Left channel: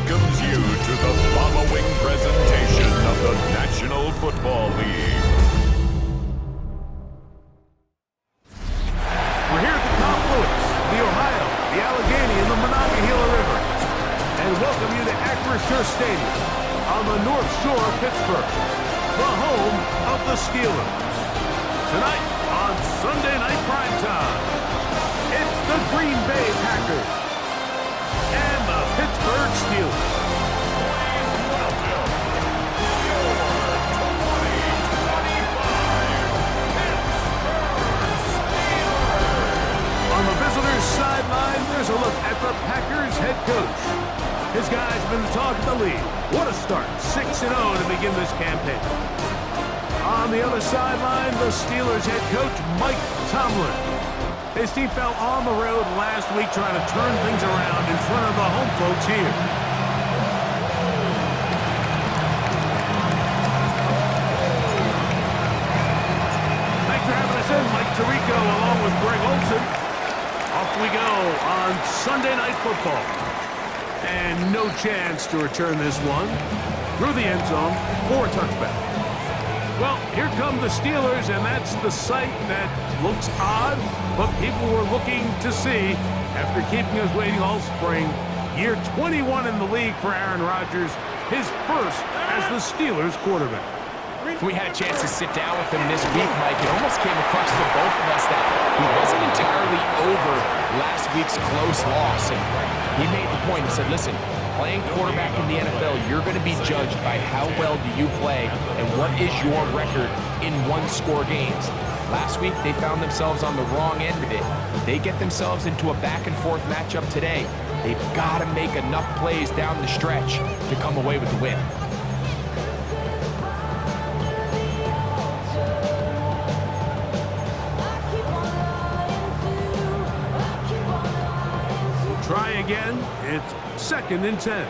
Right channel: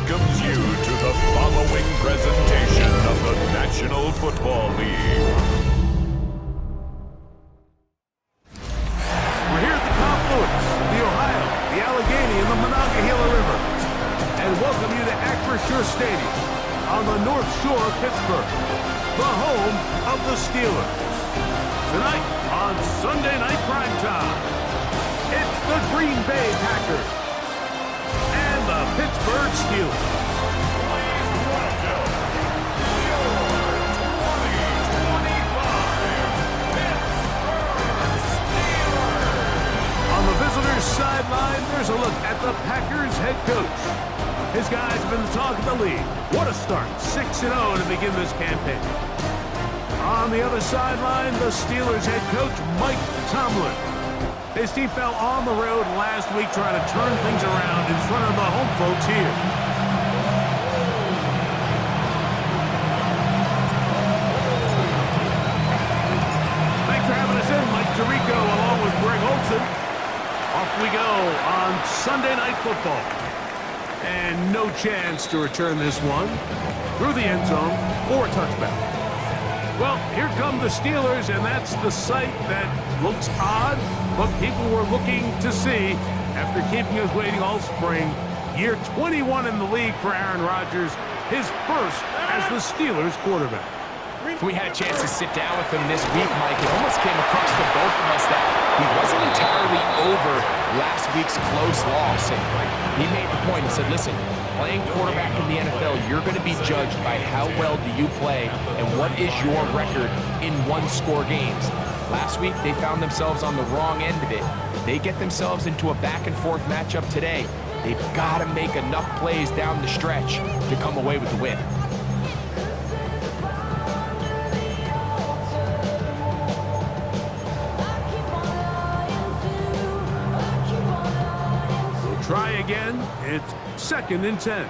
welcomes you to the following presentation of the National Football League. We're here at the confluence of the Ohio, the Allegheny, and the Monongahela Rivers, and welcome you to Acrisure Stadium on the North Shore of Pittsburgh, the home of the Steelers. Tonight on Sunday Night Primetime, it's the Green Bay Packers and the Pittsburgh Steelers. Please welcome your 2025 Pittsburgh Steelers. On the visitors' sideline, there's a look at the Packers head coach. His guys have been the talk of the league. What a start, 6-0 to begin this campaign. On the other sideline, the Steelers head coach, Mike Tomlin. His team fell on the road last week trying to turn things around in front of the home folks here. Thanks for having us in, Mike Tirico, along with Greg Olson. Off we go on Sunday Night Football. And no chance to return this one through the end zone for a touchback. Well, here come the Steelers, and that's the sight that looks odd, but people were looking to see after keeping us waiting all spring. Year 21 in the league for Aaron Rodgers, his first as the Steelers quarterback. We had a chance to sit down with him this week, Mike. It almost came across to both of us that he wasn't entirely over last week's close loss. And he made the point. He said, listen, playing quarterback in the NFL, you're going to be judged by how well do you play and what is your record in one-score games. Last week, they found themselves on the wrong end of it. They get themselves into a back-and-forth matchup today. They've got to make enough plays down the stretch to come away with the win. Try again. It's 2nd and 10.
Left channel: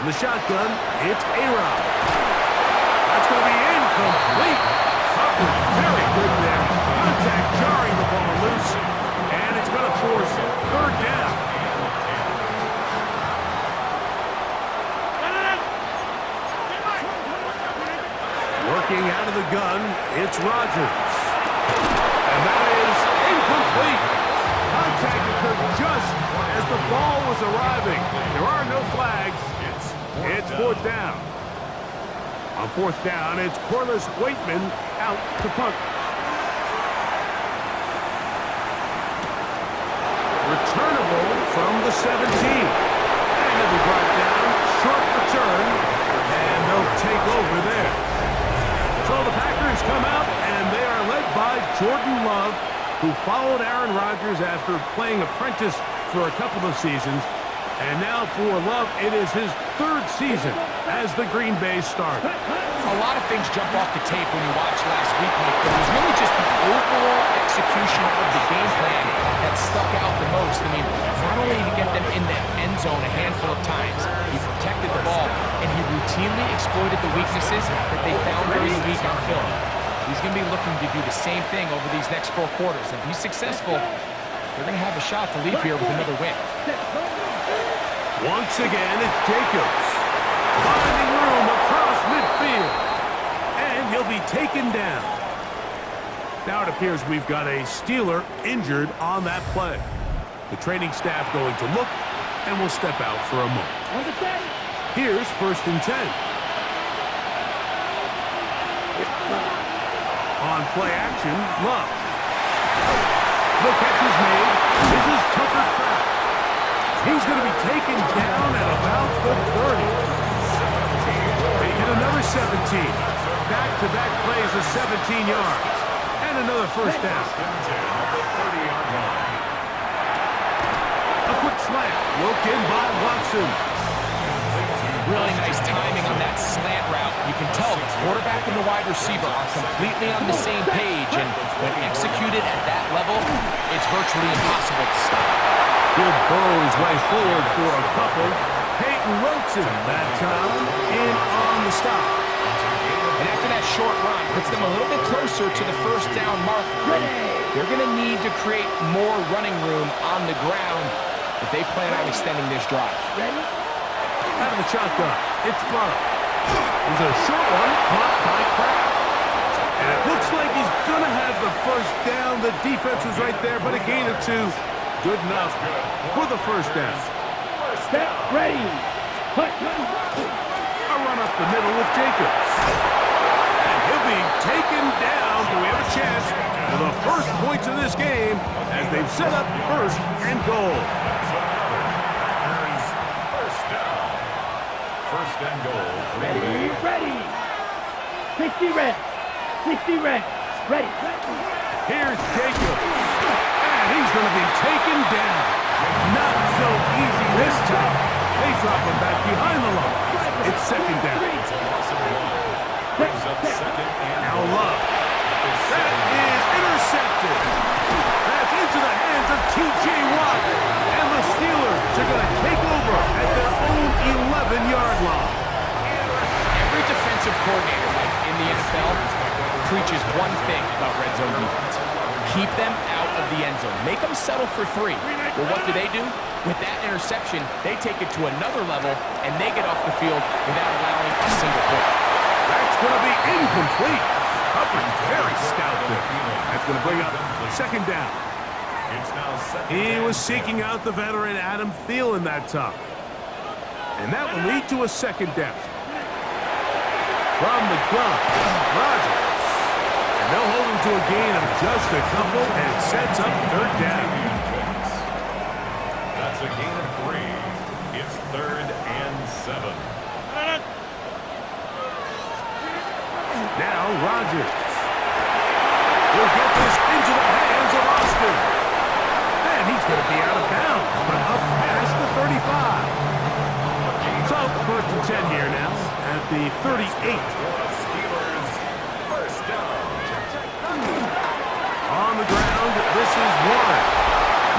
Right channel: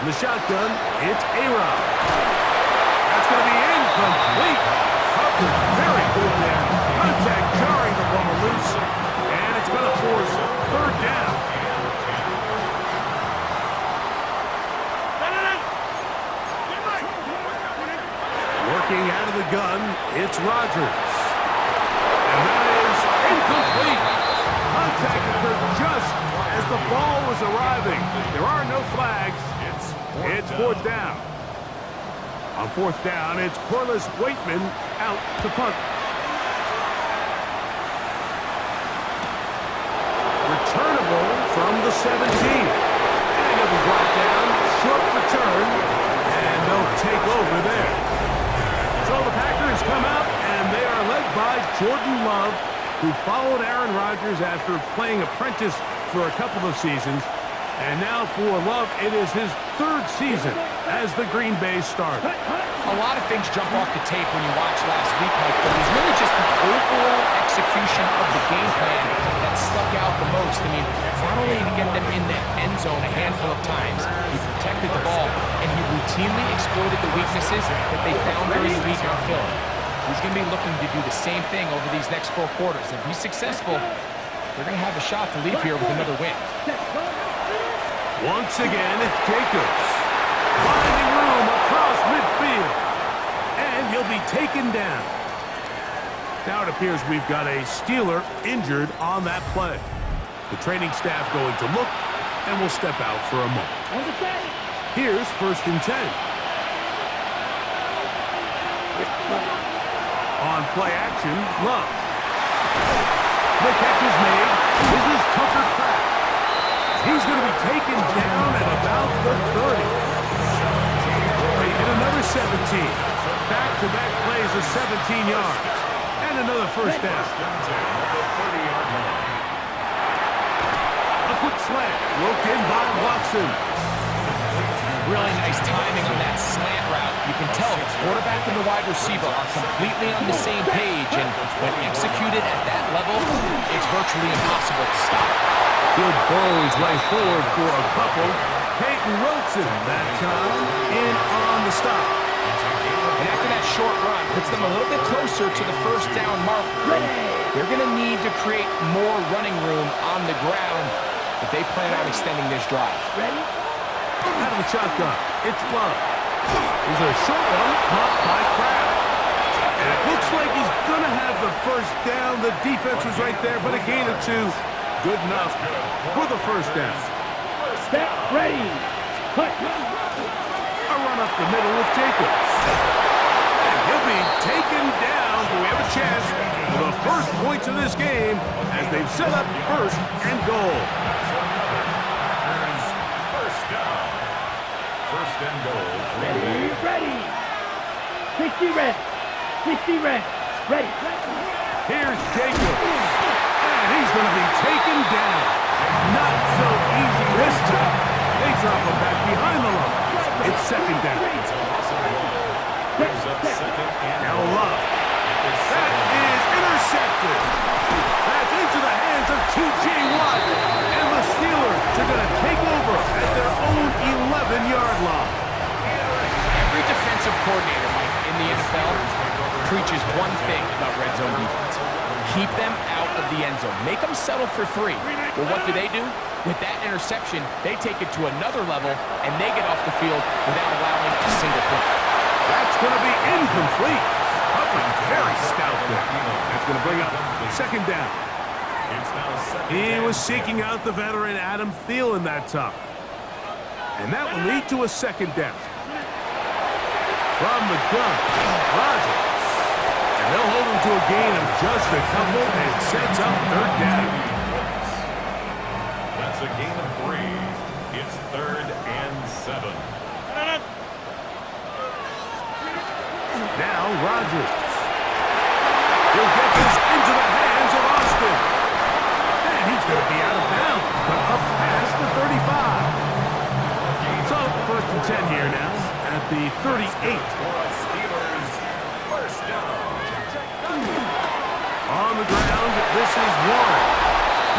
In the shotgun, it's A-Rob. That's going to be incomplete. Coverage very good there. Contact jarring the ball loose, and it's going to force 3rd down. Working out of the gun, it's Rodgers. And that is incomplete. Contact occurred just as the ball was arriving. There are no flags. It's 4th down. On 4th down, it's Corliss Waitman out to punt. Returnable from the 17. And it'll be brought down. Short return. And they'll take over there. So the Packers come out, and they are led by Jordan Love, who followed Aaron Rodgers after playing apprentice for a couple of seasons. And now for Love, it is his 3rd season as the Green Bay starter. A lot of things jump off the tape when you watch last week, Mike, but it was really just the overall execution of the game plan that stuck out the most. I mean, not only did he get them in the end zone a handful of times, he protected the ball, and he routinely exploited the weaknesses that they found during the week on film. He's going to be looking to do the same thing over these next 4 quarters. If he's successful, they're going to have a shot to leave here with another win. Once again, it's Jacobs. Finding room across midfield. And he'll be taken down. Now it appears we've got a Steeler injured on that play. The training staff going to look, and will step out for a moment. Here's 1st and 10. On play action, Love. The catch is made. This is Tucker Kraft. He's going to be taken down at about the 30. They hit another 17. Back-to-back plays of 17 yards. And another 1st down. A quick slant. Looked in by Watson. Really nice timing on that slant route. You can tell the quarterback and the wide receiver are completely on the same page, and when executed at that level, it's virtually impossible to stop. He'll burrow his way forward for a couple. Peyton Wilson that time in on the stop. And after that short run, puts them a little bit closer to the 1st down marker. they're going to need to create more running room on the ground if they plan on extending this drive. Ready? Out of the shotgun, it's Love. There's a short one caught by Kraft. And it looks like he's going to have the first down. The defense was right there, but a gain of 2. Good enough for the first down. Step ready. Put. A run up the middle with Jacobs. And he'll be taken down. We have a chance for the first points of this game as they've set up first and goal. First down. First and goal. Ready. Ready. 60 red. 60 red. Ready. Here's Jacobs. And he's going to be taken down. Not so easy this time. They drop him back behind the line. It's second down. Now Love. That is intercepted. That's into the hands of T.J. Watt. And the Steelers are going to take over at their own 11-yard line. Every defensive coordinator, Mike, in the NFL preaches one thing about red zone defense. Keep them out of the end zone. Make them settle for 3. Well, what do? With that interception, they take it to another level, and they get off the field without allowing a single point. That's going to be incomplete. Coverage very stout there. That's going to bring up second down. He was seeking out the veteran Adam Thielen that time. And that will lead to a second down. From the gun, Rodgers. And they'll hold him to a gain of just a couple, and it sets up third down. That's a gain of 3. It's 3rd and 7. Now Rodgers. He'll get this into the hands of Austin. And he's going to be out of bounds, but up past the 35. So, 1st and 10 here now at the 38. Steelers, first down. On the ground, this is Warren.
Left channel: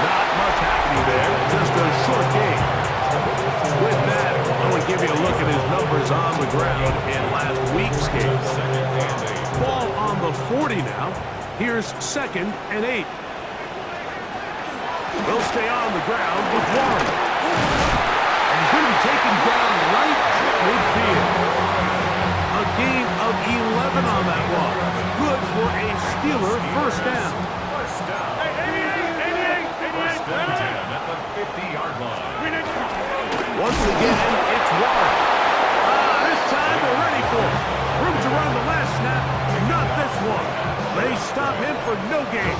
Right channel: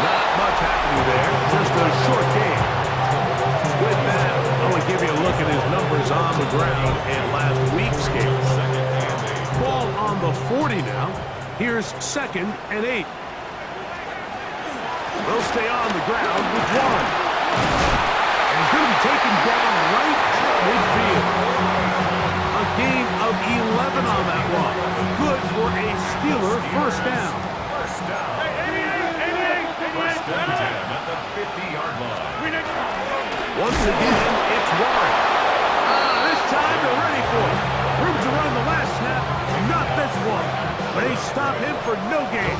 Not much happening there, just a short game. With that, I want to give you a look at his numbers on the ground in last week's game. Ball on the 40 now. Here's 2nd and 8. They'll stay on the ground with Warren. And he's going to be taken down right at midfield. A gain of 11 on that one. Good for a Steeler first down. First down. First and 10 at the 50-yard line. Once again, it's Warren. This time they're ready for it. Room to run the last snap. Not this one. They stop him for no gain.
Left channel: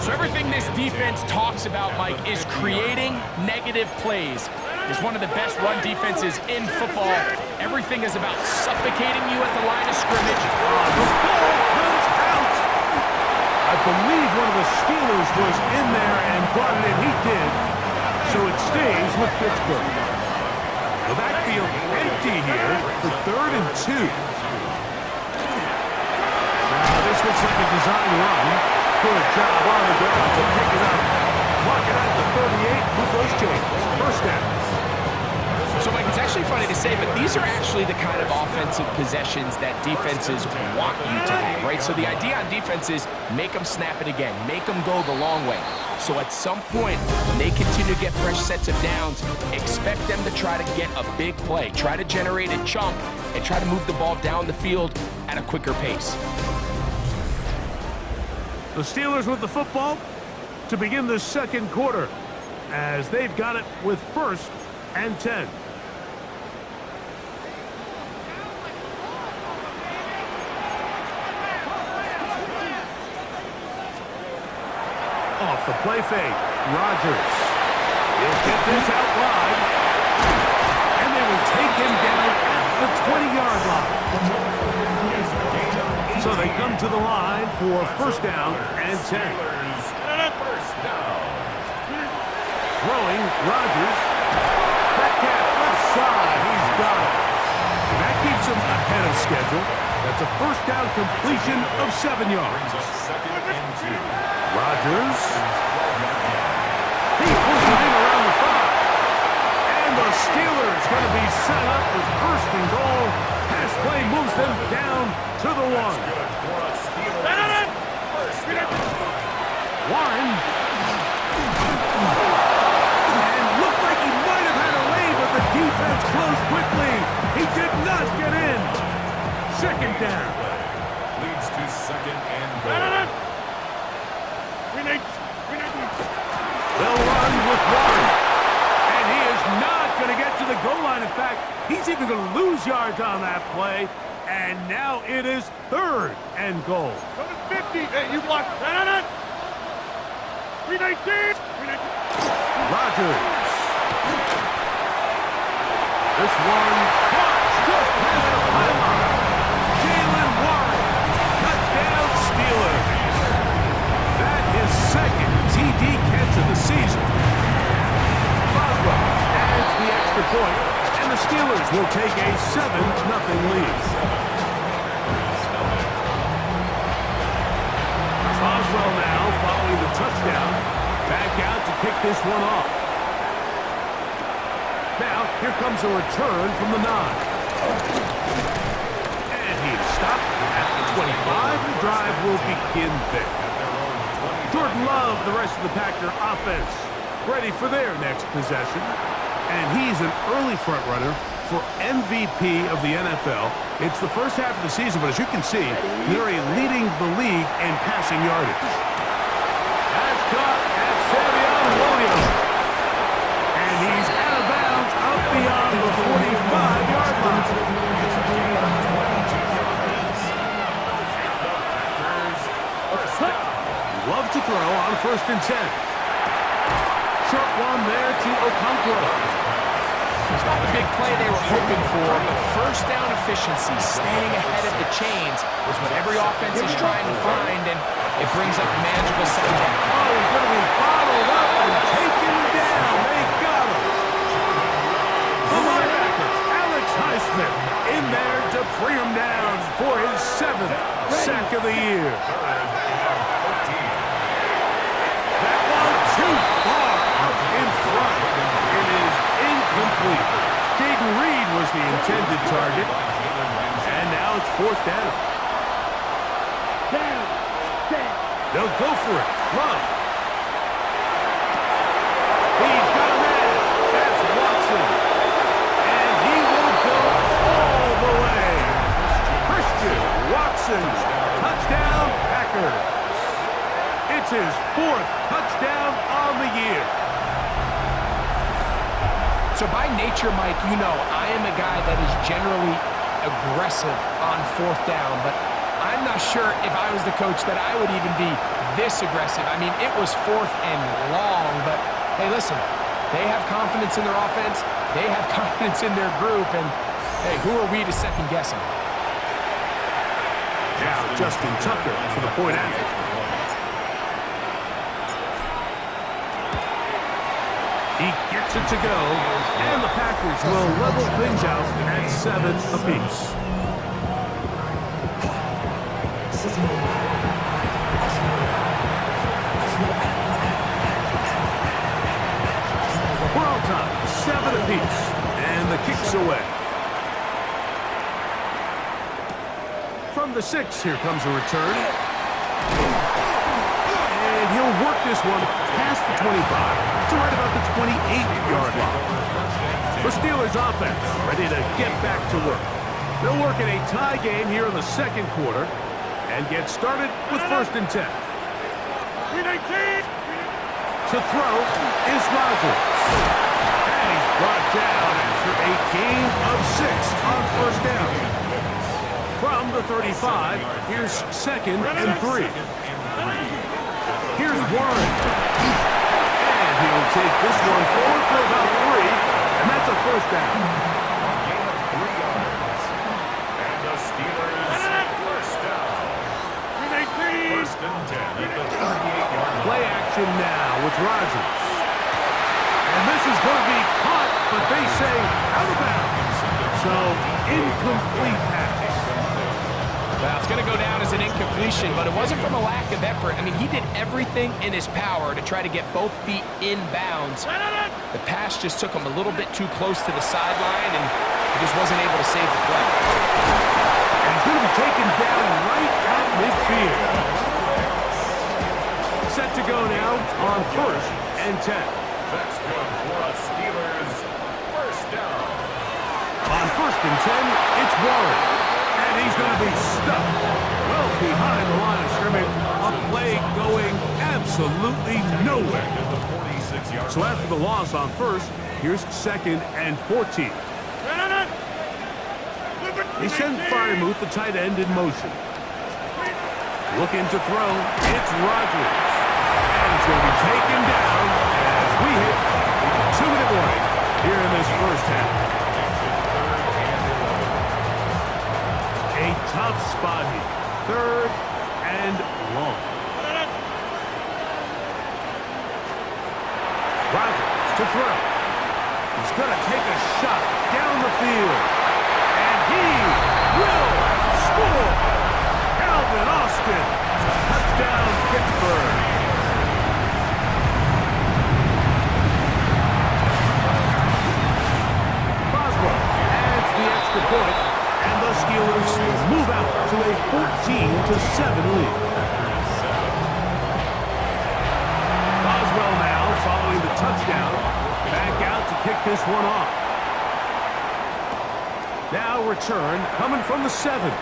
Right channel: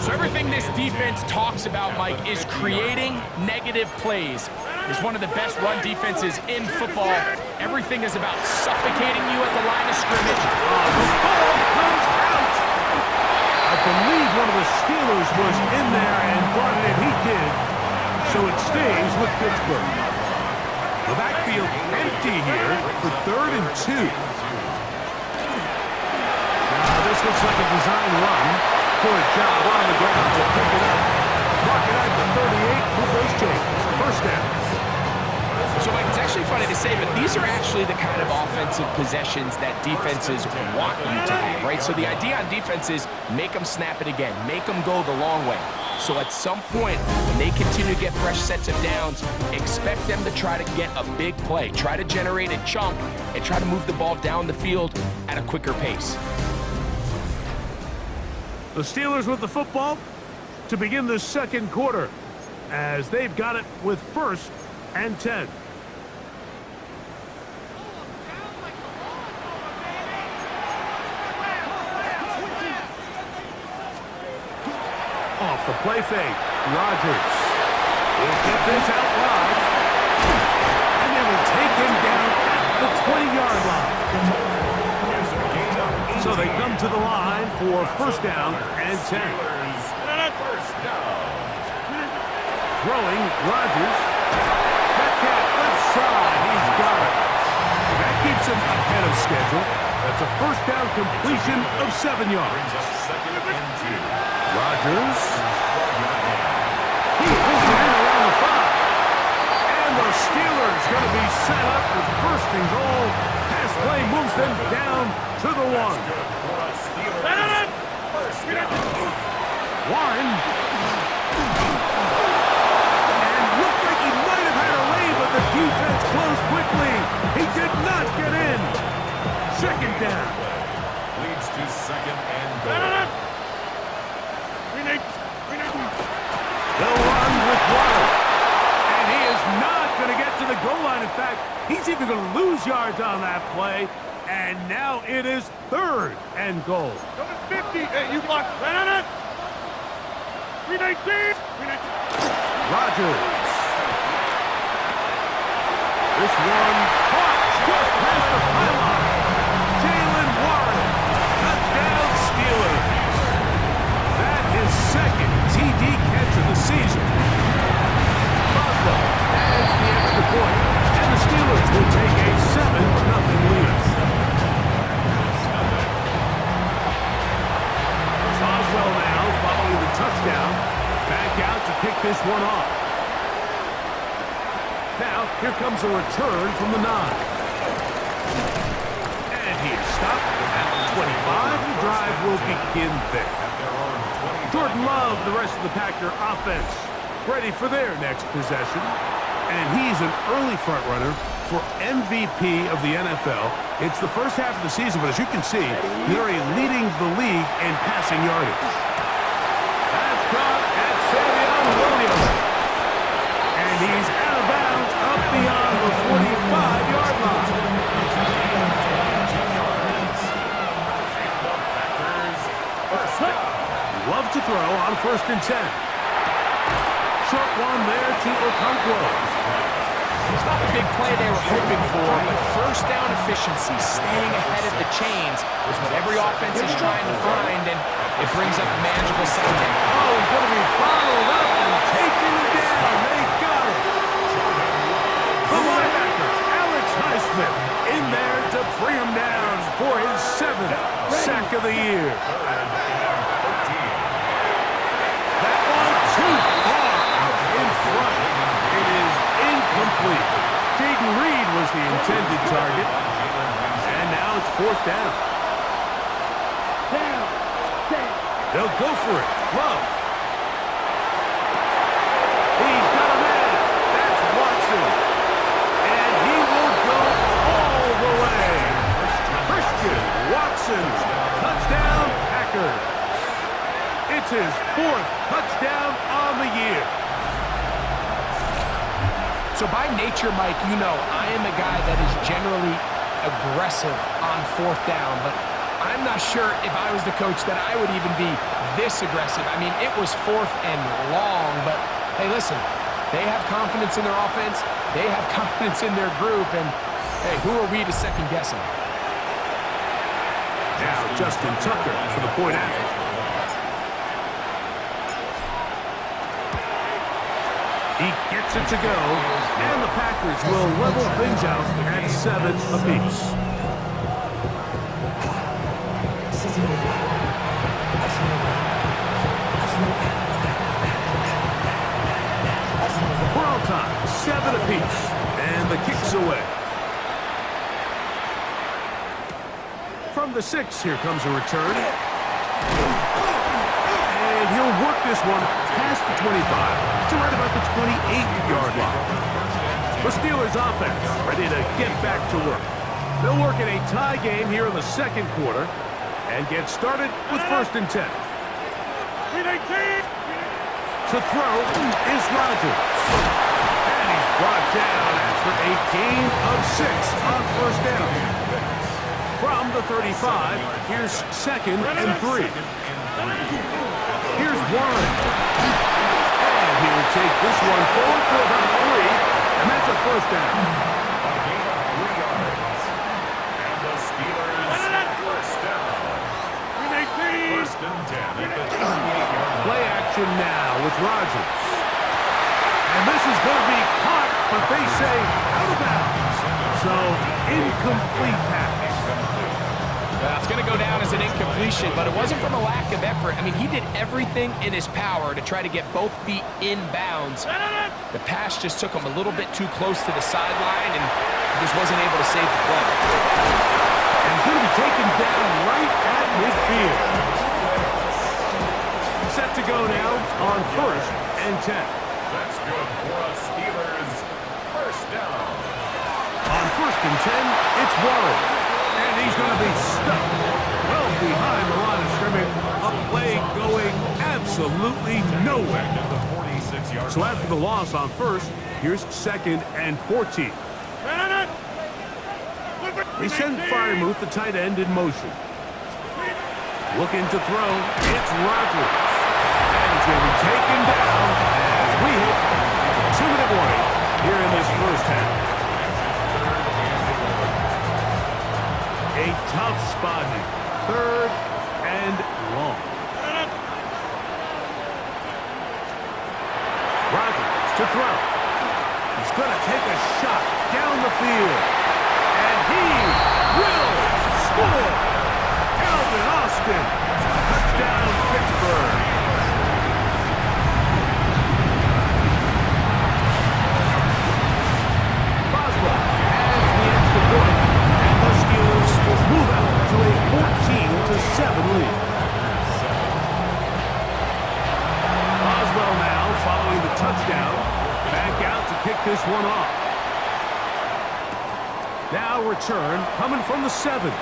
So everything this defense talks about, Mike, is creating negative plays. It's one of the best run defenses in football. Everything is about suffocating you at the line of scrimmage. The ball comes out. I believe one of the Steelers was in there and brought it in. He did. So it stays with Pittsburgh. The backfield empty here for 3rd and 2. Now this looks like a design run. Good job on the ground to pick it up. Mark it at the 38. Move those chains. First down. So, Mike, it's actually funny to say, but these are actually the kind of offensive possessions that defenses want you to have, right? So the idea on defense is make them snap it again, make them go the long way. So at some point, when they continue to get fresh sets of downs, expect them to try to get a big play, try to generate a chunk, and try to move the ball down the field at a quicker pace. The Steelers with the football to begin the second quarter as they've got it with 1st and 10. Off the play fake, Rodgers. He'll get this out wide. And they will take him down at the 20-yard line. So they come to the line for first down and 10. First down. Throwing, Rodgers. Metcalf left side, he's got it. And that keeps him ahead of schedule. That's a first down completion of 7 yards. 2nd and 2. Rodgers. He pulls it in around the 5. And the Steelers going to be set up with 1st and goal. Pass play moves them down to the 1. Warren. And looked like he might have had a lead, but the defense closed quickly. He did not get in. Second down. Leads to second and goal. They'll run with Warren. And he is not going to get to the goal line. In fact, he's even going to lose yards on that play. And now it is third and goal. Number 50. Hey, you blocked. 319. Rodgers. This one caught just past the pylon. Jalen Warren. Touchdown Steelers. That is second TD catch of the season. Boswell adds the extra point, and the Steelers will take a 7-0 lead. Boswell now following the touchdown. Back out to kick this one off. Now, here comes a return from the 9. And he is stopped at the 25. The drive will begin there. Jordan Love, the rest of the Packer offense, ready for their next possession. And he's an early front runner for MVP of the NFL. It's the first half of the season, but as you can see, they're leading the league in passing yardage. That's caught at Savion Williams. And he's out of bounds up beyond the 45-yard line. Love to throw on 1st and 10. Short one there to Okonkwo. It's not the big play they were hoping for, but first down efficiency, staying ahead of the chains, is what every offense is trying to find, and it brings up a manageable second down. Oh, he's going to be bottled up and taken down. They got him. The linebacker, Alex Highsmith, in there to bring him down for his 7th sack of the year. That one too far out in front. It is incomplete. Jaden Reed was the intended target. And now it's 4th down. They'll go for it. Love. He's got a man. That's Watson. And he will go all the way. Christian Watson. Touchdown, Packers. It's his 4th touchdown on the year. So by nature, Mike, you know, I am a guy that is generally aggressive on 4th down, but I'm not sure if I was the coach that I would even be this aggressive. I mean, it was 4th and long, but hey, listen, they have confidence in their offense, they have confidence in their group, and hey, who are we to second guess them? Now Justin Tucker for the point after. He gets it to go, and the Packers will level things out at 7 apiece. We're all time, 7 apiece, and the kick's away. From the 6, here comes a return. And he'll work this one past the 25 to right about the 28-yard line. The Steelers offense ready to get back to work. They'll work in a tie game here in the 2nd quarter and get started with 1st and 10. To throw is Rodgers. And he's brought down after a gain of 6 on 1st down. From the 35, here's 2nd and 3. Here's Warren. And he'll take this one forward for about 3, and that's a 1st down. A gain of 3 yards. And the Steelers 1st down. 1st and 10 at the 38-yard line. Play action now with Rodgers. And this is going to be caught, but they say out of bounds. So, incomplete pass. Well, it's going to go down as an incompletion, but it wasn't from a lack of effort. I mean, he did everything in his power to try to get both feet in bounds. The pass just took him a little bit too close to the sideline, and he just wasn't able to save the play. And he's going to be taken down right at midfield. set to go now on 1st and 10. That's good for a Steelers first down. On 1st and 10, it's Warren. And he's going to be stuck well behind the line of scrimmage. A play going absolutely nowhere. So after the loss on 1st, here's 2nd and 14. They send Firemuth, the tight end, in motion. Looking to throw, it's Rodgers. And he's going to be taken down as we hit 2-minute warning here in this first half. A tough spot here. 3rd and long. Rodgers to throw. He's going to take a shot down the field. And he will score. Calvin Austin. Touchdown, Pittsburgh. Boswell adds the extra point, and the Steelers move out to a 14-7 lead. Boswell now, following the touchdown, back out to kick this one off. Now return coming from the 7.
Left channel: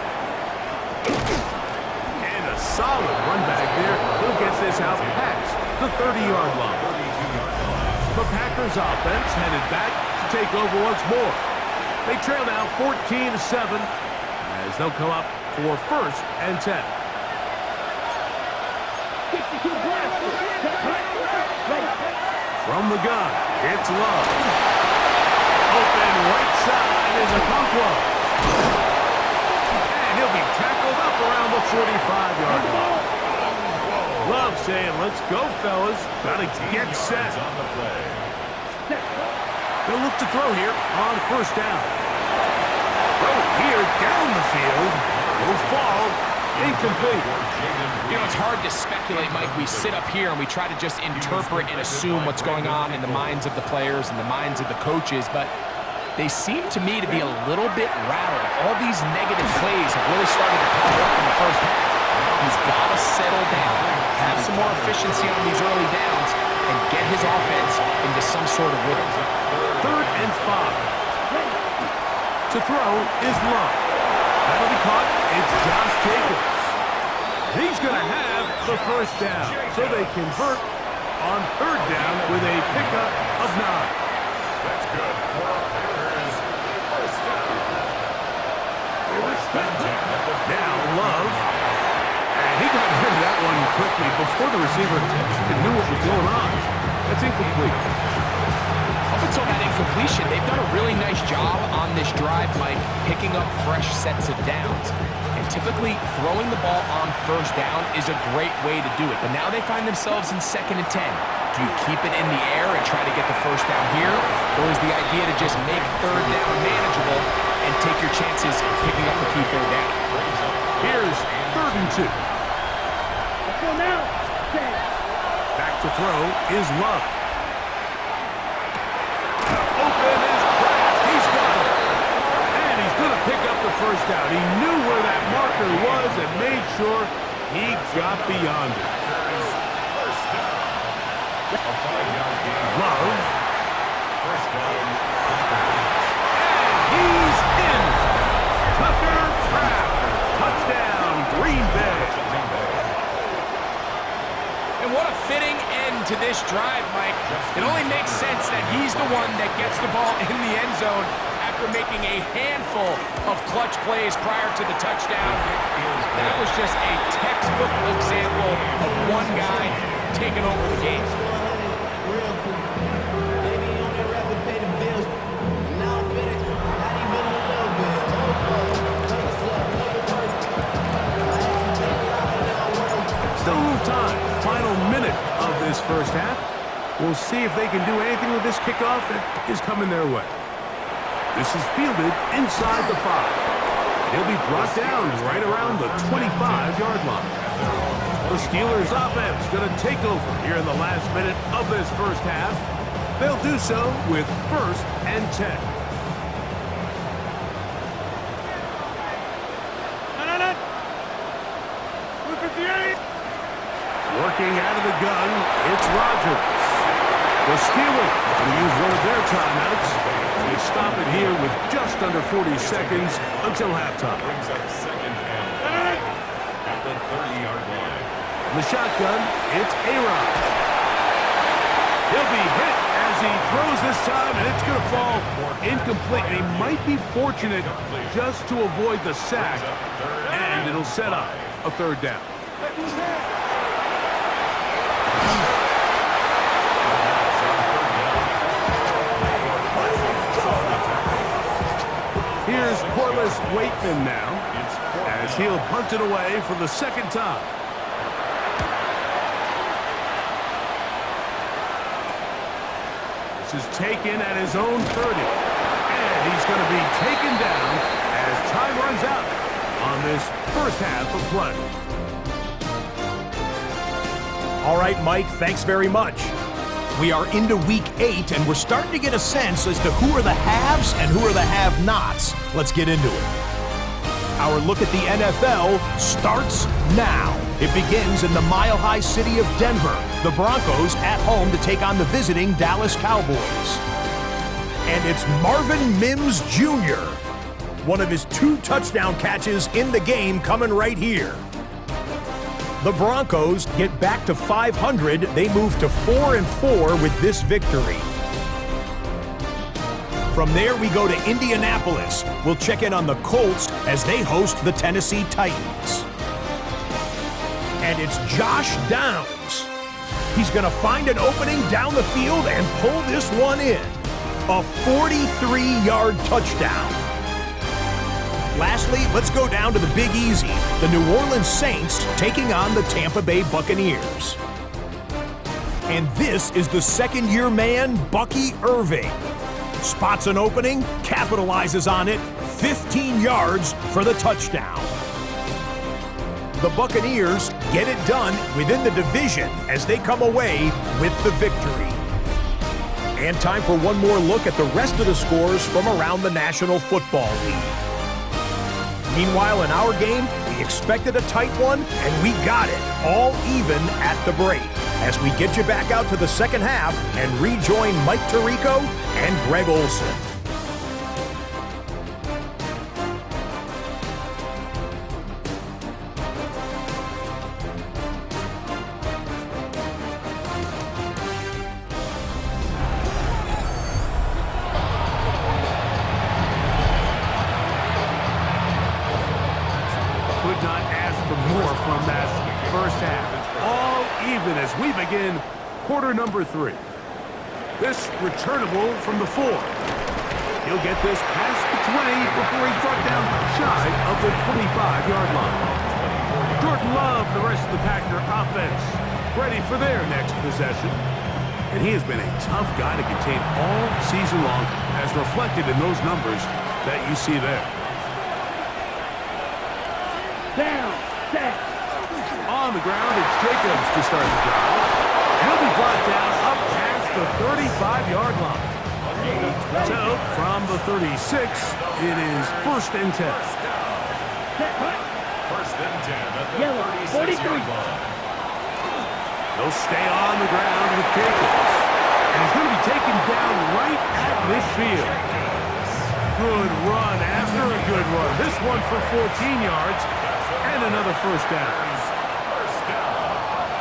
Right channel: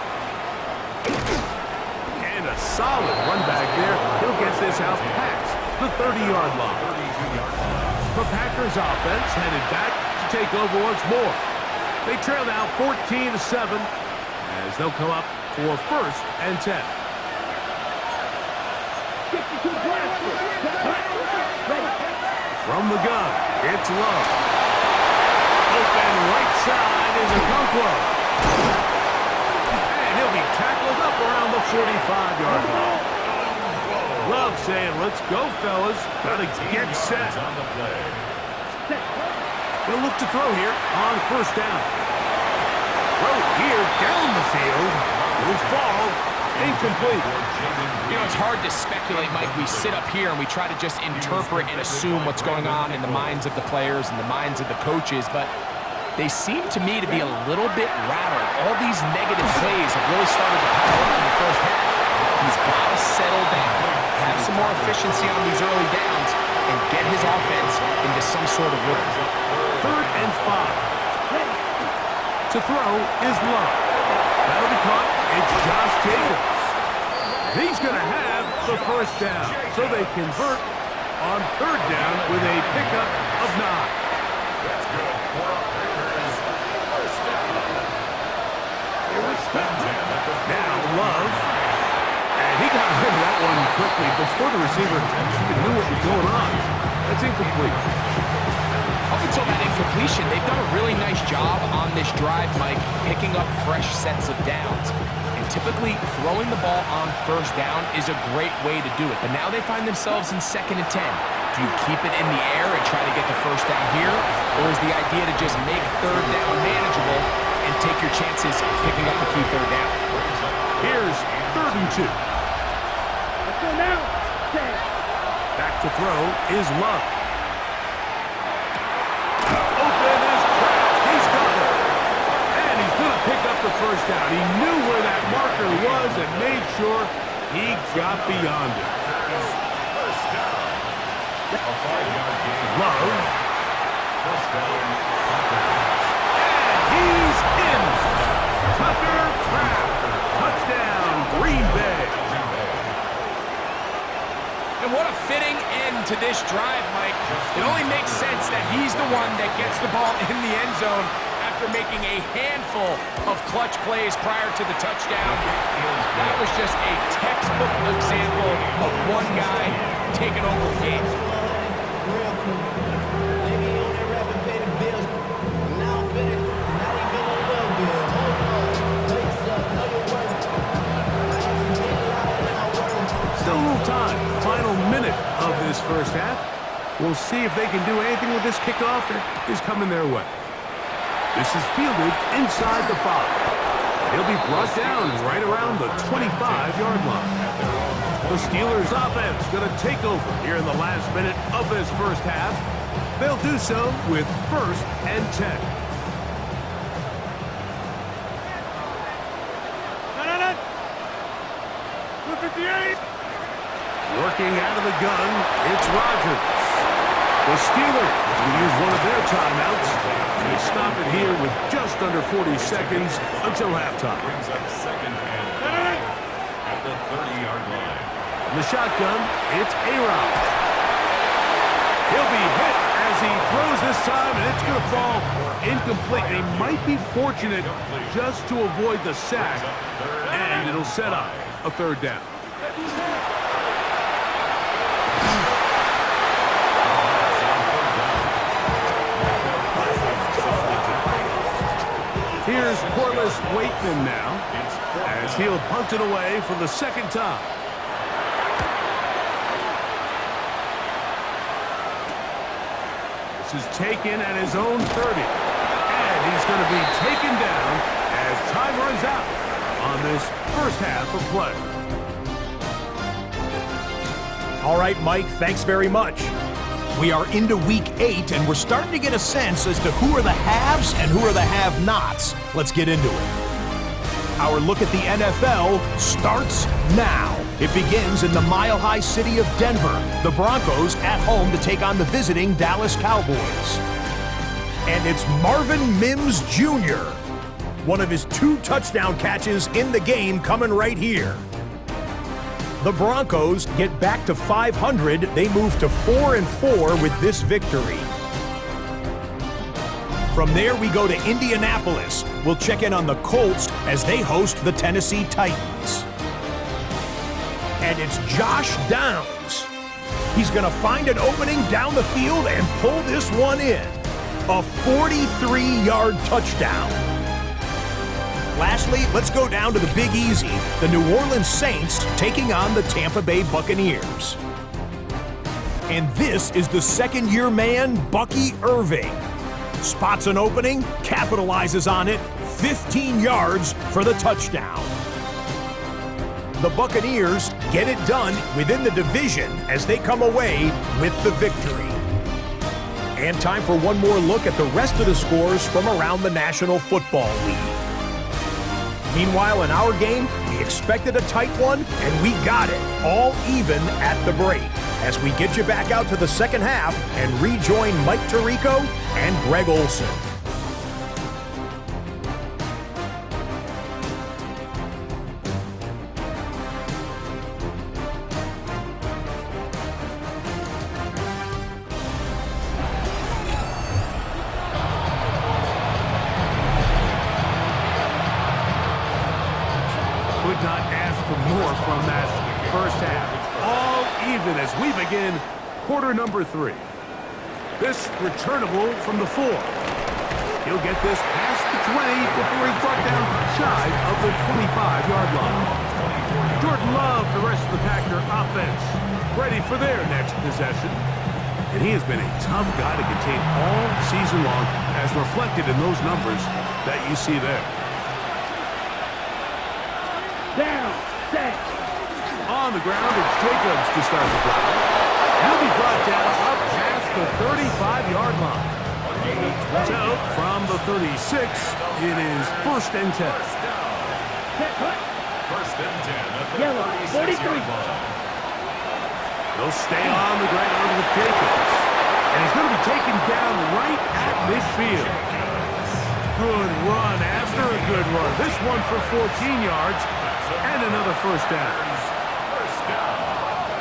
And a solid run back there. He'll get this out past the 30-yard line. The Packers offense headed back to take over once more. They trail now 14-7 as they'll come up for 1st and 10. 52 blasters. Ready. From the gun, it's Love. Open right side is Okonkwo. And he'll be tackled up around the 45-yard line. Love saying, let's go, fellas. Gotta get set. They'll look to throw here on 1st down. Throw here down the field. Will fall. Incomplete. You know, it's hard to speculate, Mike. We sit up here and we try to just interpret and assume what's going on in the minds of the players and the minds of the coaches, but they seem to me to be a little bit rattled. All these negative plays have really started to pile up in the first half. He's got to settle down, have some more efficiency on these early downs, and get his offense into some sort of rhythm. 3rd and 5. To throw is Love. That'll be caught. It's Josh Jacobs. He's going to have the 1st down. So they convert on 3rd down with a pickup of 9. That's good for a Packers first down. Now Love. And he got rid of that one quickly before the receiver even knew what was going on. That's incomplete. Up until that incompletion, they've done a really nice job on this drive, Mike, picking up fresh sets of downs. And typically, throwing the ball on 1st down is a great way to do it. But now they find themselves in 2nd and 10. Do you keep it in the air and try to get the 1st down here? Or is the idea to just make 3rd down manageable and take your chances picking up the key 3rd down? Here's 3rd and 2. Let's go now. 10. Back to throw is Love. Open is Kraft. He's got it. And he's going to pick up the 1st down. He knew where that marker was and made sure he got beyond it. First down. A 5-yard gain. Love. First down. And he's in. Tucker Kraft. Touchdown, Green Bay. And what a fitting end to this drive, Mike. It only makes sense that he's the one that gets the ball in the end zone after making a handful of clutch plays prior to the touchdown. That was just a textbook example of one guy taking over the game. Real cool. They be on there rapping, pay the bills. Now I'm finished. Not even on little bills. Oh, know yourself, know your worth. I actually been loud and I work. Still a little time. Final minute of this first half. We'll see if they can do anything with this kickoff that is coming their way. This is fielded inside the 5. He'll be brought down right around the 25-yard line. The Steelers offense going to take over here in the last minute of this first half. They'll do so with 1st and 10. No. 158. Working out of the gun, it's Rodgers. The Steelers going to use one of their timeouts. They stop it here with just under 40 seconds until halftime. Brings up second and 5 at the 30-yard line. From the shotgun, it's A-Rod. He'll be hit as he throws this time, and it's going to fall incomplete. And he might be fortunate just to avoid the sack, and it'll set up a third down. Here's Corliss Waitman now, as he'll punt it away for the second time. This is taken at his own 30, and he's going to be taken down as time runs out on this first half of play. All right, Mike, thanks very much. We are into week 8, and we're starting to get a sense as to who are the haves and who are the have-nots. Let's get into it. Our look at the NFL starts now. It begins in the mile-high city of Denver. The Broncos at home to take on the visiting Dallas Cowboys. And it's Marvin Mims Jr., one of his 2 touchdown catches in the game coming right here. The Broncos get back to 500. They move to 4-4 with this victory. From there, we go to Indianapolis. We'll check in on the Colts as they host the Tennessee Titans. And it's Josh Downs. He's going to find an opening down the field and pull this one in. A 43-yard touchdown. Lastly, let's go down to the Big Easy. The New Orleans Saints taking on the Tampa Bay Buccaneers. And this is the second-year man, Bucky Irving. Spots an opening, capitalizes on it, 15 yards for the touchdown. The Buccaneers get it done within the division as they come away with the victory. And time for one more look at the rest of the scores from around the National Football League. Meanwhile, in our game, we expected a tight one, and we got it, all even at the break, as we get you back out to the second half and rejoin Mike Tirico and Greg Olson. Could not ask for more from that first half. All even as we begin quarter number 3. This returnable from the 4. He'll get this past the 20 before he's brought down shy of the 25-yard line. Jordan Love, the rest of the Packer offense, ready for their next possession. And he has been a tough guy to contain all season long, as reflected in those numbers that you see there. Down, set. On the ground, it's Jacobs to start the drive. He'll be brought down up past the 35-yard line. So, from the 36, it is 1st and 10. Set, cut. 1st and 10 at the Yellow, 36-yard line. He'll stay on the ground with Jacobs. And he's going to be taken down right at midfield. Good run after a good run. This one for 14 yards and another first down.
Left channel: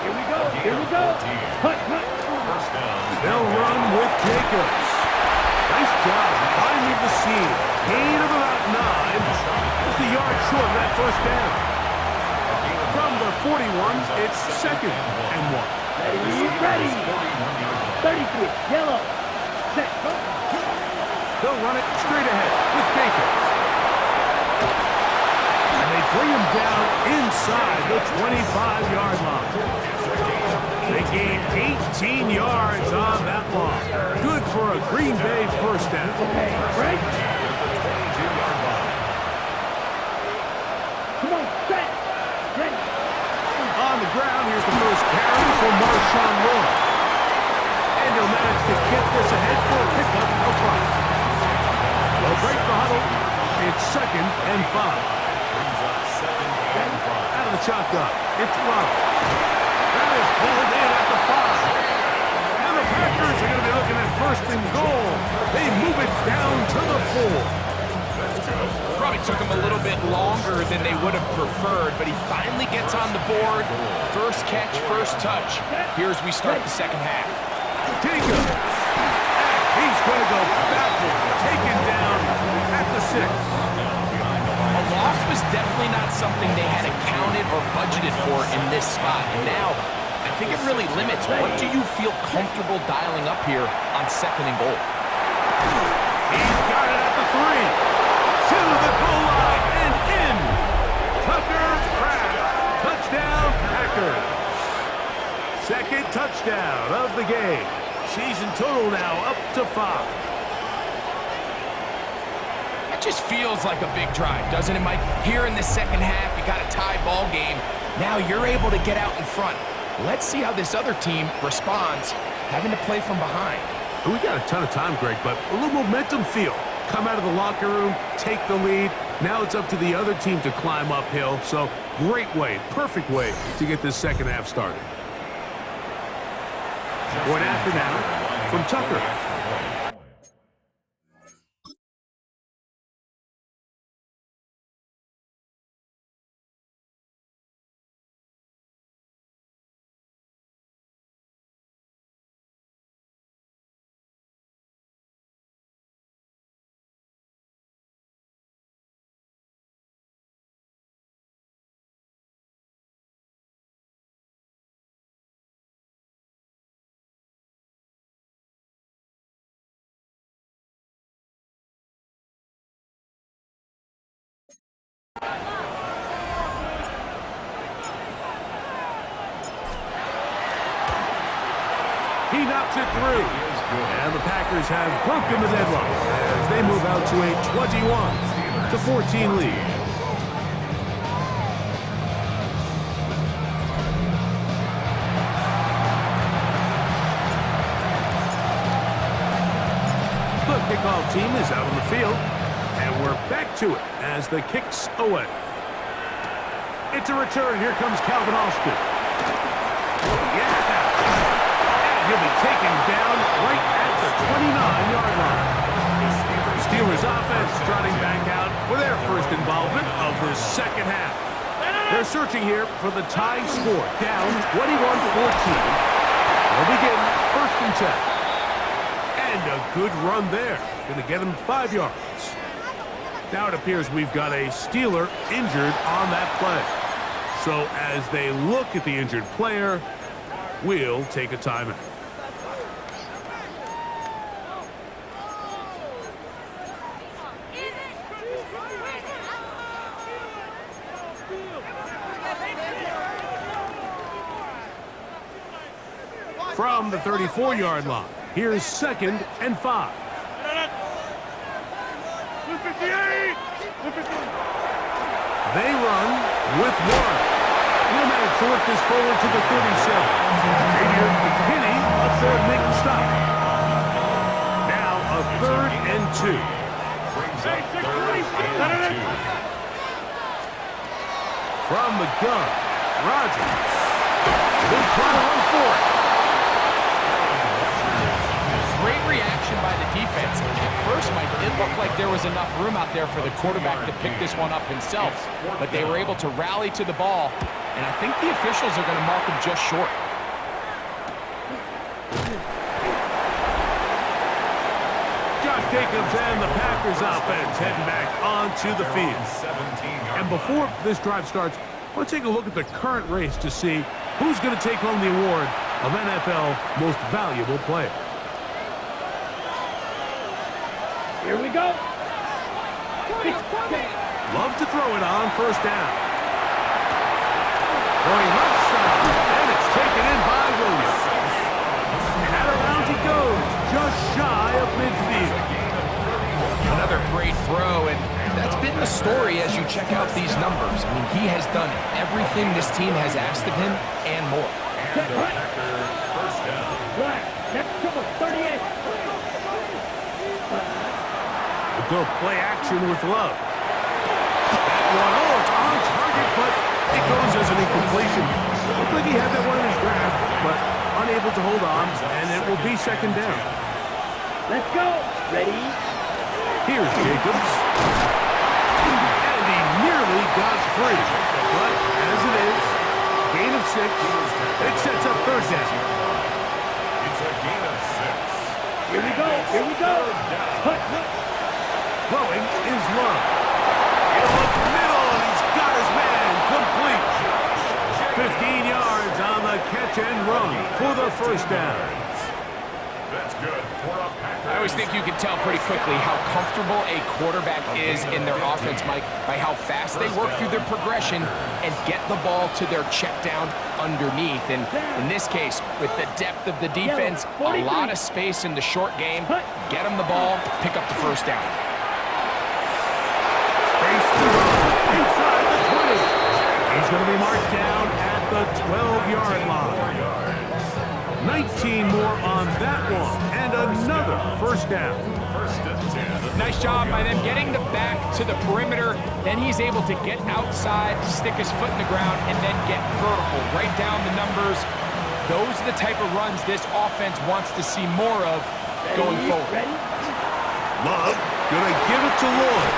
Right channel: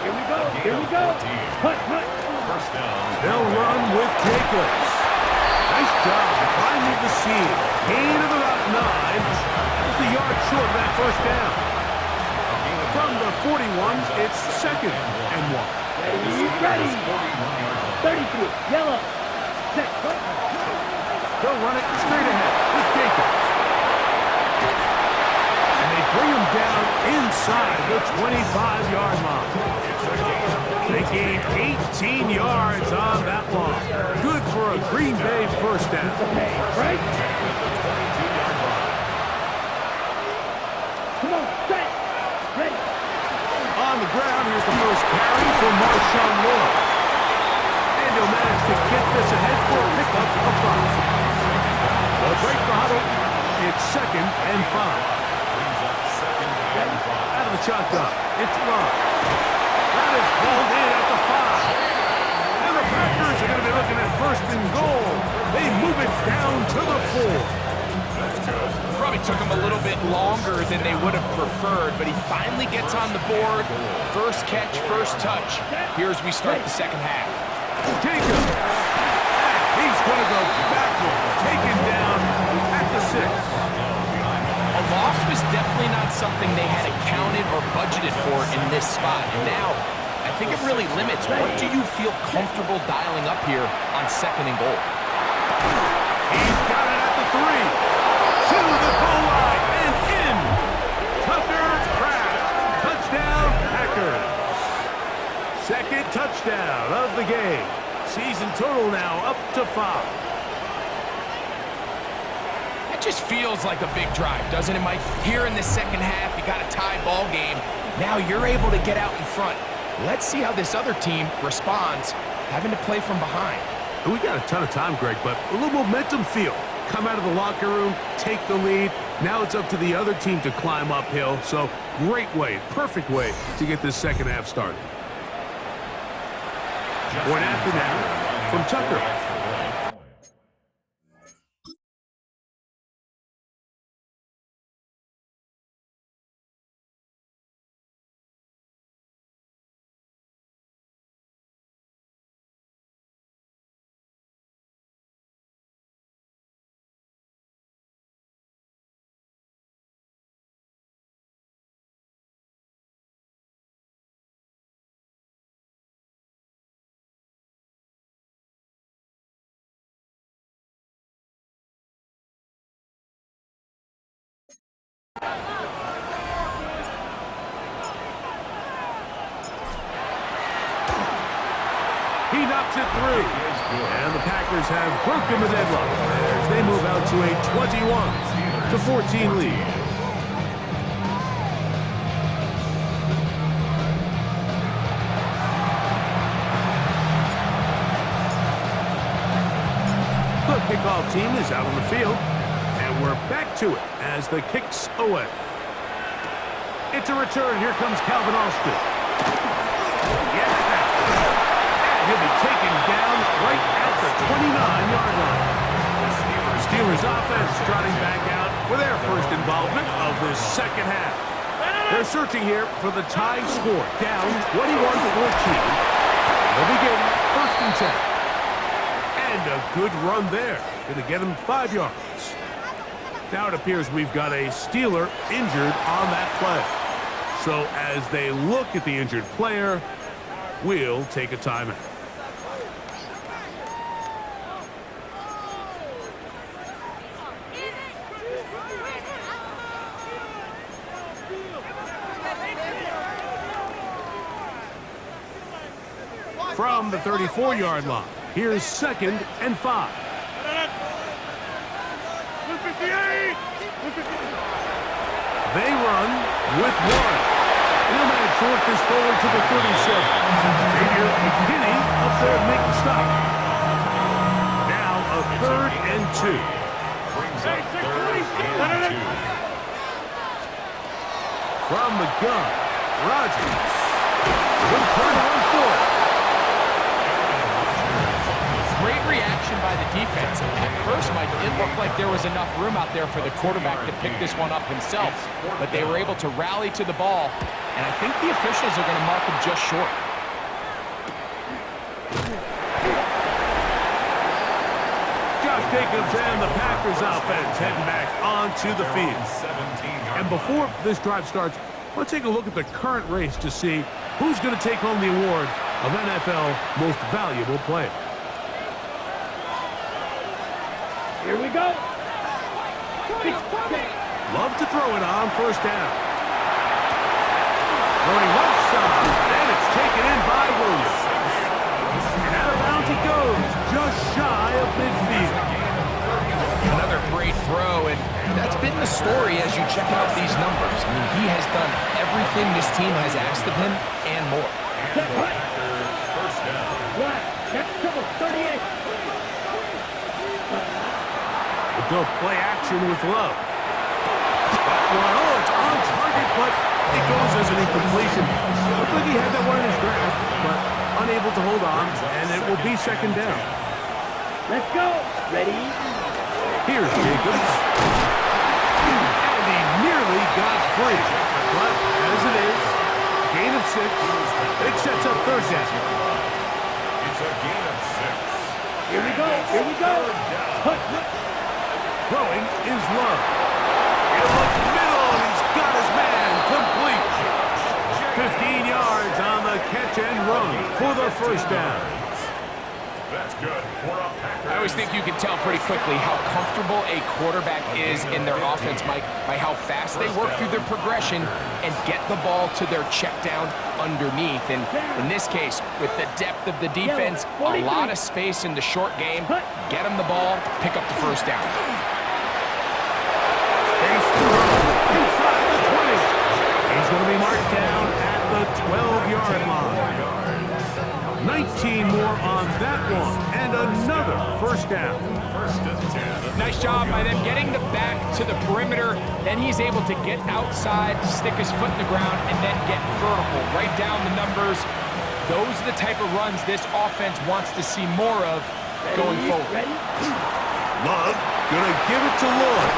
Here we go, here we go. Cut, cut. First down. They'll run with Jacobs. Nice job finding the seam. Gain of about 9. Just a yard short of that first down. From the 41, it's 2nd and 1. Ready. 33, yellow. Set, cut. They'll run it straight ahead with Jacobs. And they bring him down inside the 25-yard line. They gain 18 yards on that long. Good for a Green Bay first down. Okay, right. At the 22-yard line. Come on, set. Ready. On the ground, here's the first carry for Marshawn Lloyd. And he'll manage to get this ahead for a pickup of 5. They'll break the huddle. It's 2nd and 5. Brings up 2nd and 5. Out of the shotgun, it's Love. That is called in at the 5. And the Packers are going to be looking at 1st and goal. They move it down to the 4. Probably took him a little bit longer than they would have preferred, but he finally gets on the board. First catch, first touch. Here's we start the second half. Jacobs. And he's going to go backward. Taken down at the 6. A loss was definitely not something they had accounted or budgeted for in this spot. And now, I think it really limits what do you feel comfortable dialing up here on 2nd and goal. He's got it at the 3. To the goal line and in. Tucker Kraft. Touchdown, Packers. Second touchdown of the game. Season total now up to 5. That just feels like a big drive, doesn't it, Mike? Here in the second half, you got a tie ball game. Now you're able to get out in front. Let's see how this other team responds, having to play from behind. We got a ton of time, Greg, but a little momentum feel. Come out of the locker room, take the lead. Now it's up to the other team to climb uphill. So great way, perfect way to get this second half started. Point after now from Tucker. He knocks it through. And the Packers have broken the deadlock as they move out to a 21-14 lead. The kickoff team is out on the field, and we're back to it as the kick's away. It's a return. Here comes Calvin Austin. Yeah! And he'll be taken down right at the 29-yard line. Steelers offense trotting back out for their first involvement of this second half. They're searching here for the tie score, down 21-14. They'll begin 1st and 10. And a good run there. Going to get him 5 yards. Now it appears we've got a Steeler injured on that play. So as they look at the injured player, we'll take a timeout. From the 34-yard line, here's 2nd and 5. They run with Warren. And he'll manage to work this forward to the 37. Xavier McKinney up there to make the stop. Now a 3rd and 2. Brings up 3rd and 2. From the gun, Rodgers. He'll try to run for it. Great reaction by the defense. At first, Mike, it looked like there was enough room out there for the quarterback to pick this one up himself, but they were able to rally to the ball, and I think the officials are going to mark him just short. Josh Jacobs and the Packers offense heading back onto the field. And before this drive starts, let's take a look at the current race to see who's going to take home the award of NFL Most Valuable Player. Here we go. Love to throw it on 1st down. Throwing left side, and it's taken in by Williams. And out of bounds he goes, just shy of midfield. Another great throw, and that's been the story as you check out these numbers. I mean, he has done everything this team has asked of him and more. And the Packers 1st down. Black, next couple, 38. We'll go play action with Love. That one. Oh, it's on target, but it goes as an incompletion. Looked like he had that one in his grasp, but unable to hold on, and it will be second down. Let's go. Ready? Here's Jacobs. And he nearly got free. But as it is, gain of 6. It sets up third down. It's a gain of 6. Here we go. Here we go. Hut. Throwing is Love. He looks middle, and he's got his man complete. 15 yards on the catch and run for the first down. That's good for a Packers. I always think you can tell pretty quickly how comfortable a quarterback is in their offense, Mike, by how fast they work through their progression and get the ball to their check down underneath. And in this case, with the depth of the defense, a lot of space in the short game, get them the ball, pick up the first down. Space to run inside the 20. He's going to be marked down at the 12-yard line. 19 more on that one, and another first down. First and 10. Nice job by them getting the back to the perimeter. Then he's able to get outside, stick his foot in the ground, and then get vertical. Right down the numbers. Those are the type of runs this offense wants to see more of going forward. Ready? Love going to give it to Lloyd.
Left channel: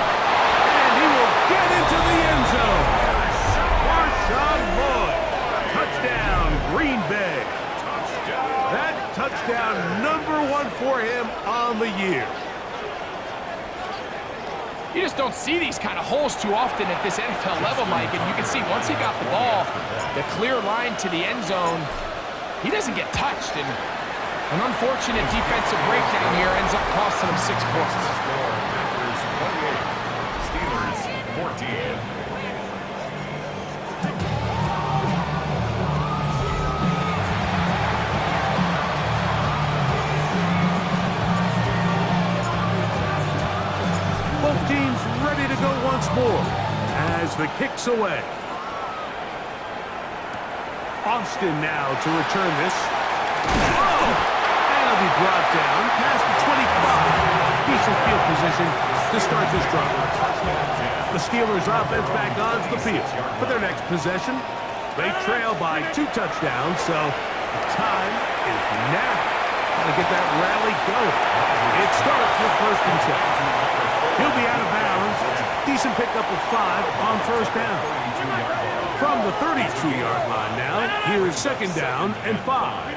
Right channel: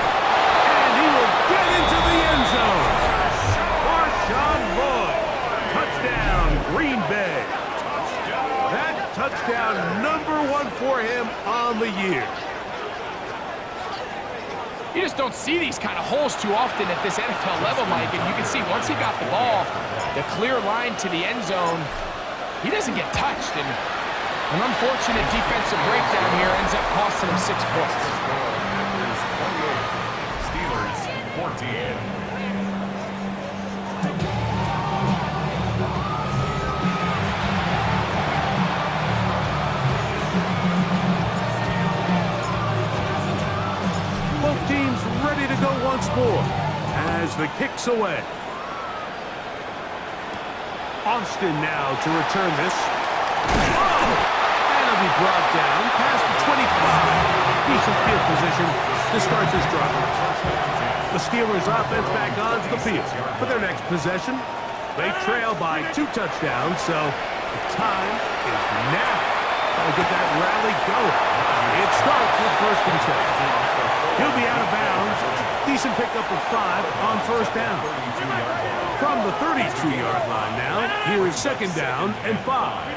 And he will get into the end zone. Marshawn Lloyd. Touchdown, Green Bay. That touchdown #1 for him on the year. You just don't see these kind of holes too often at this NFL level, Mike. And you can see once he got the ball, the clear line to the end zone, he doesn't get touched. And an unfortunate defensive breakdown here ends up costing him 6 points. Packers 28, Steelers 14. Both teams ready to go once more as the kick's away. Austin now to return this. Oh! And he'll be brought down past the 25. Decent field position to start this drive. The Steelers offense back onto the field for their next possession. They trail by 2 touchdowns, so the time is now. Gotta get that rally going. It starts with first and 10. He'll be out of bounds. Decent pickup of 5 on first down. From the 32-yard line now, here is second down and 5.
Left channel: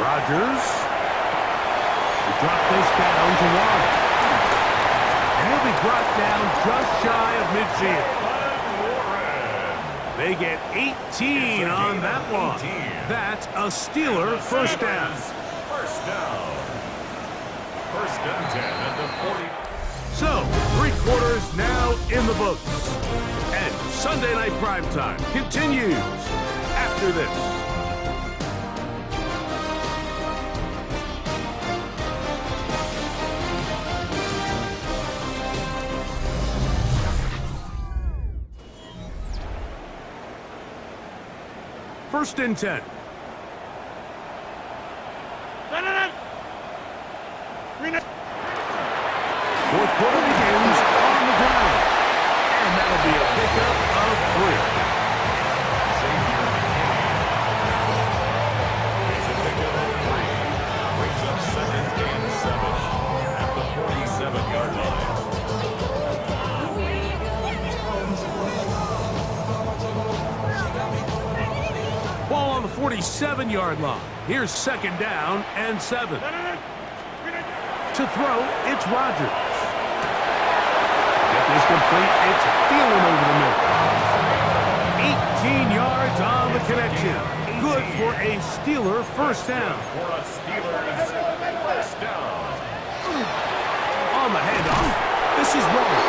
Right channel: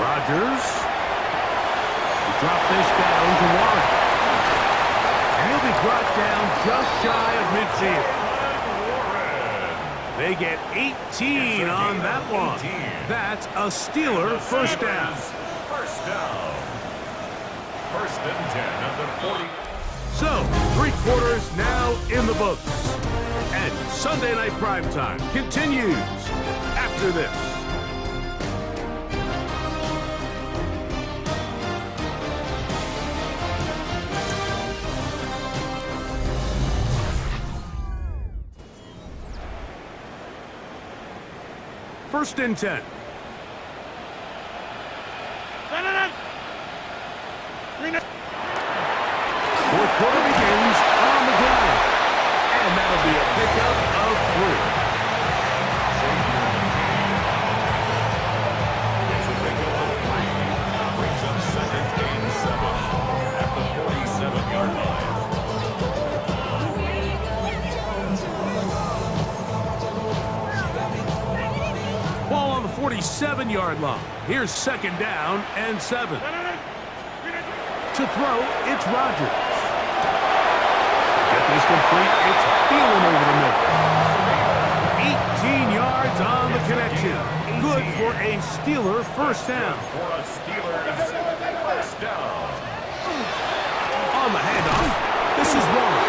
Rodgers will drop this down to Warren. And he'll be brought down just shy of midfield. They get 18 on that one. That's a Steeler first down. First down. First and 10 at the 40. So, 3 quarters now in the books. And Sunday Night Primetime continues after this. First and 10. Fourth quarter begins on the ground. And that'll be a pickup of 3. Xavier McKinney on the tackle. It's a pickup of 3. Brings up second and 7 at the 47-yard line. Ball on the 47-yard line. Here's second down and 7. To throw, it's Rodgers. Get this complete. It's Thielen over the middle. 18 yards on the connection. Good for a Steeler first down. For a Steelers first down. On the handoff, this is wrong.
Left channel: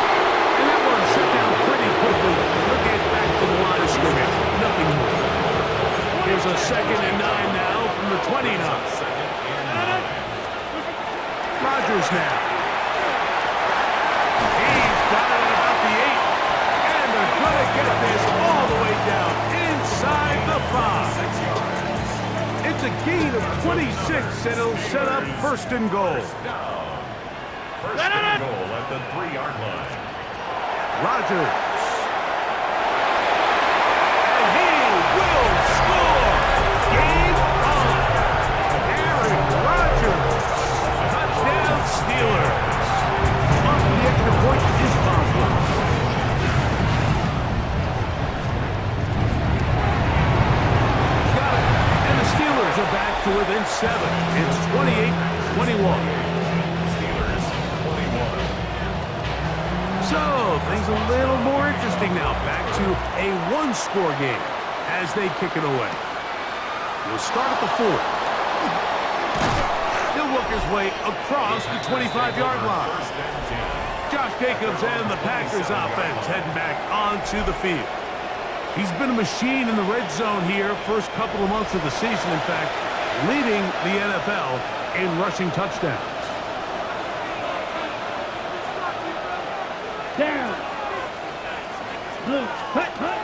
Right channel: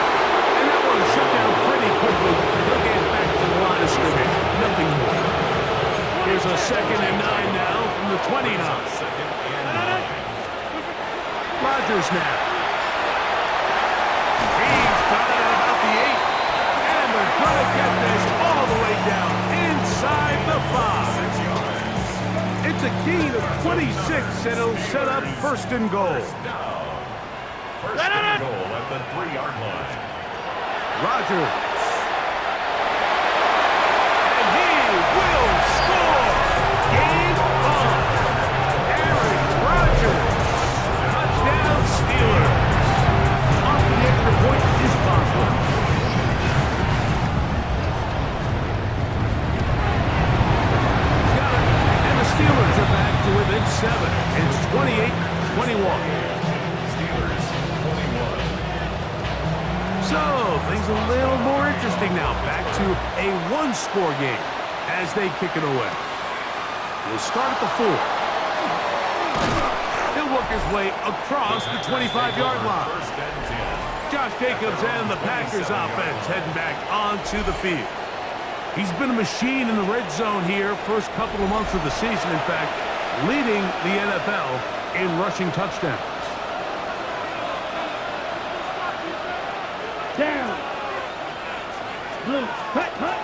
And that one shut down pretty quickly. He'll get back to the line of scrimmage. Nothing more. Here's a second and 9 now from the 29. Second and 9. Rodgers now. He's got it at about the 8. And they're going to get this all the way down inside the 5. 6 yards. It's a gain of 26, and it'll set up first and goal. First down. First and goal at the 3-yard line. Rodgers. And he will score. Game on. Aaron Rodgers. Touchdown Steelers. Off for the extra point is Boswell. He's got it. And the Steelers are back to within 7. It's 28-21. Steelers 21. So, things a little more interesting now. Back to a one-score game as they kick it away. He'll start at the 4. He'll work his way across the 25-yard line. First and 10. Josh Jacobs and the Packers offense heading back onto the field. He's been a machine in the red zone here first couple of months of the season. In fact, leading the NFL in rushing touchdowns. Down. Blue. Hut, hut.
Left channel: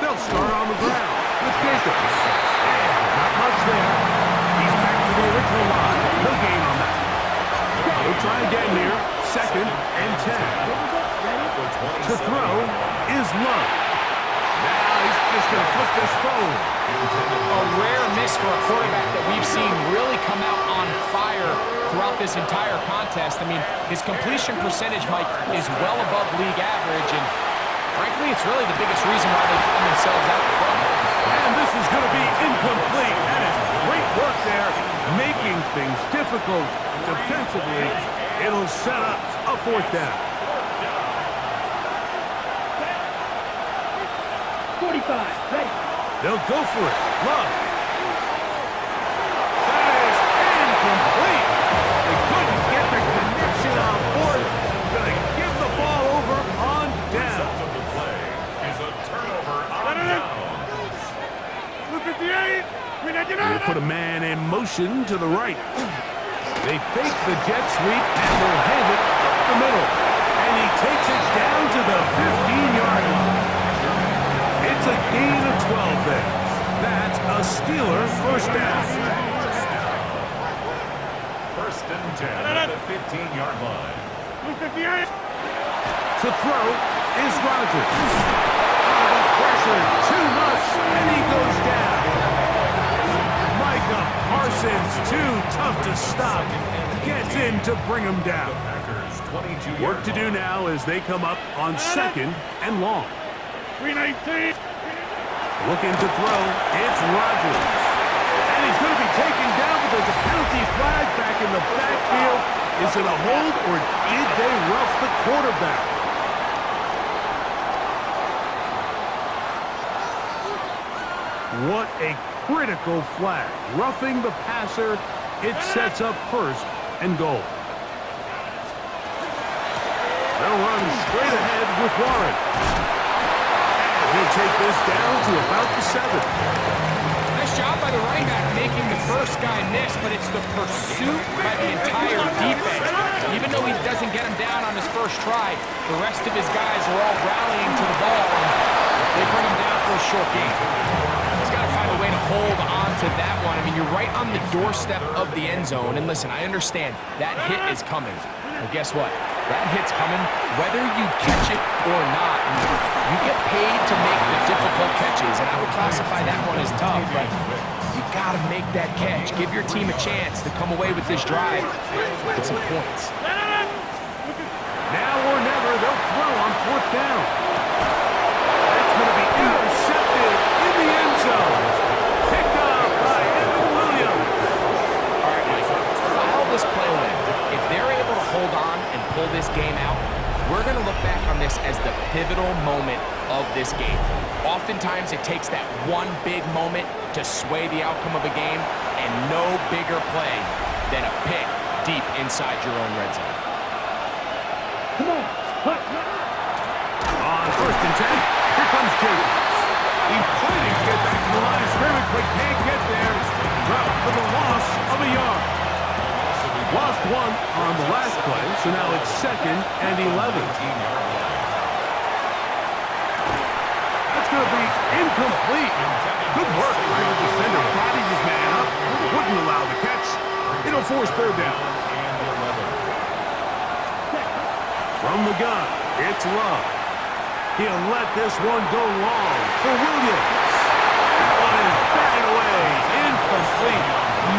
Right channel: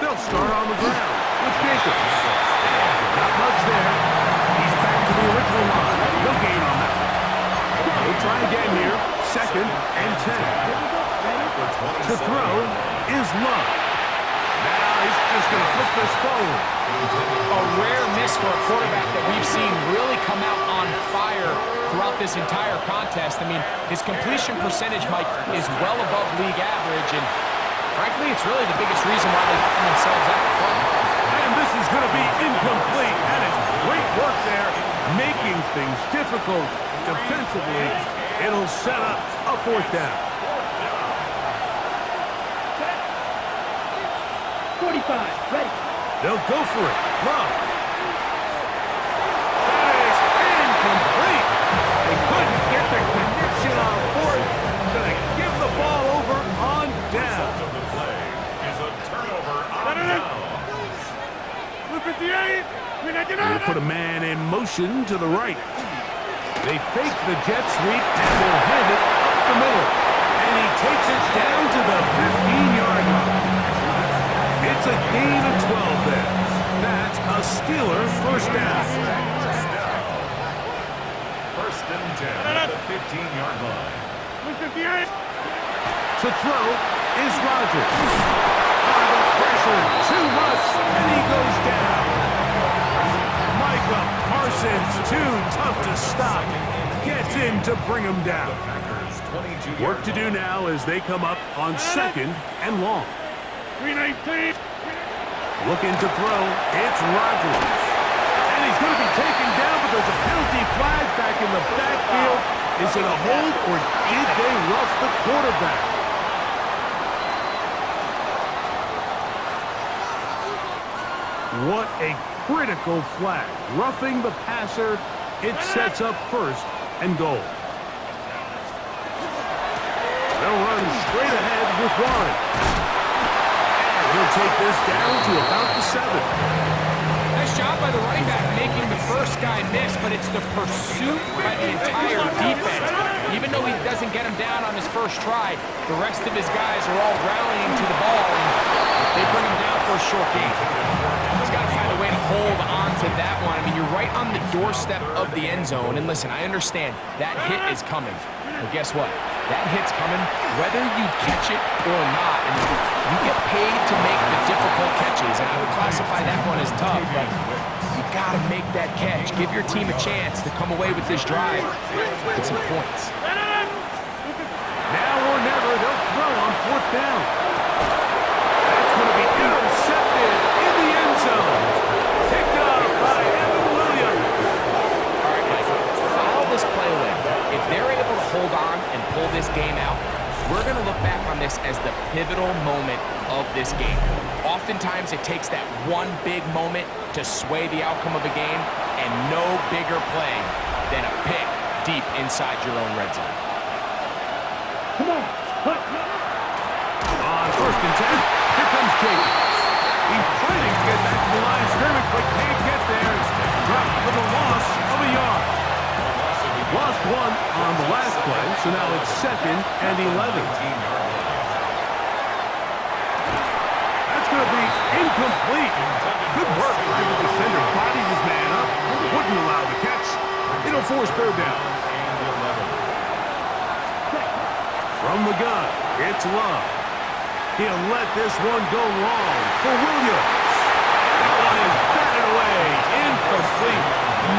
They'll start on the ground with Jacobs. And not much there. He's back to the original line. No gain on that one. He'll try again here. 2nd and 10. To throw is Love. Now he's just going to flip this forward. A rare miss for a quarterback that we've seen really come out on fire throughout this entire contest. I mean, his completion percentage, Mike, is well above league average, and frankly, it's really the biggest reason why they find themselves out in front. And this is going to be incomplete. That is great work there, making things difficult defensively. It'll set up a 4th down. 45. Ready. They'll go for it. Love. That is incomplete. They couldn't get the connection on 4th. Going to give the ball over on down. Result of the play is a turnover on downs. 58. We'll put a man in motion to the right. They fake the jet sweep and will hand it up the middle. And he takes it down to the 15-yard line. It's a gain of 12 there. That's a Steeler first down. First and 10 at the 15-yard line. 58. To throw is Rodgers. The pressure, too much, and he goes down. Micah Parsons, too tough to stop. Gets in to bring him down. Work to do now as they come up on 2nd and long. 319. Looking to throw, it's Rodgers. And he's going to be taken down, but there's a penalty flag back in the backfield. Is it a hold, or did they rough the quarterback? What a critical flag. Roughing the passer, it sets up 1st and goal. They'll run straight ahead with Warren. And he'll take this down to about the 7. Nice job by the running back making the first guy miss, but it's the pursuit by the entire defense. Even though he doesn't get him down on his first try, the rest of his guys are all rallying to the ball, and they bring him down for a short gain. He's got to find a way to hold on to that one. I mean, you're right on the doorstep of the end zone, and listen, I understand that hit is coming. But guess what? That hit's coming whether you catch it or not, and you get paid to make the difficult catches, and I would classify that one as tough, but you got to make that catch. Give your team a chance to come away with this drive with some points. Now or never, they'll throw on 4th down. That's going to be intercepted in the end zone. Picked up by Evan Williams. All right, Mike, file this play away. If they're able to hold on and pull this game out, we're going to look back on this as the pivotal moment of this game. Oftentimes, it takes that one big moment to sway the outcome of a game, and no bigger play than a pick deep inside your own red zone. Come on. Hut. On 1st and 10, here comes Jacobs. He's fighting to get back to the line of scrimmage, but can't get there. Dropped for the loss of a yard. Lost 1 on the last play, so now it's 2nd and 11. That's going to be incomplete. Good work by the defender. Bodied his man up. Wouldn't allow the catch. It'll force 3rd down. From the gun, It's Love. He'll let this one go long for Williams. That one is batted away. Incomplete.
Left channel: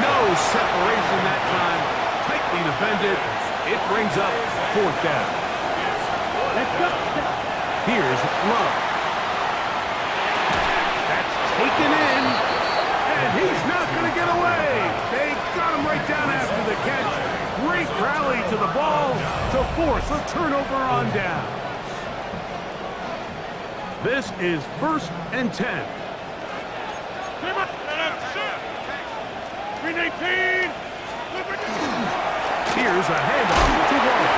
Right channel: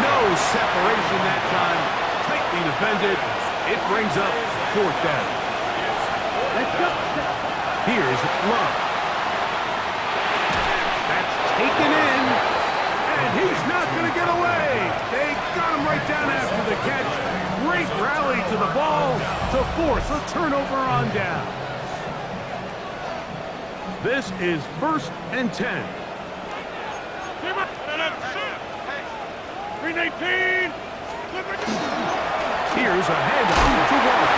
No separation that time. Tightly defended. It brings up 4th down. Let's go. Here's Love. That's taken in. And he's not going to get away. They got him right down after the catch. Great rally to the ball to force a turnover on down. This is 1st and 10. 319. Here's a handoff to Warren.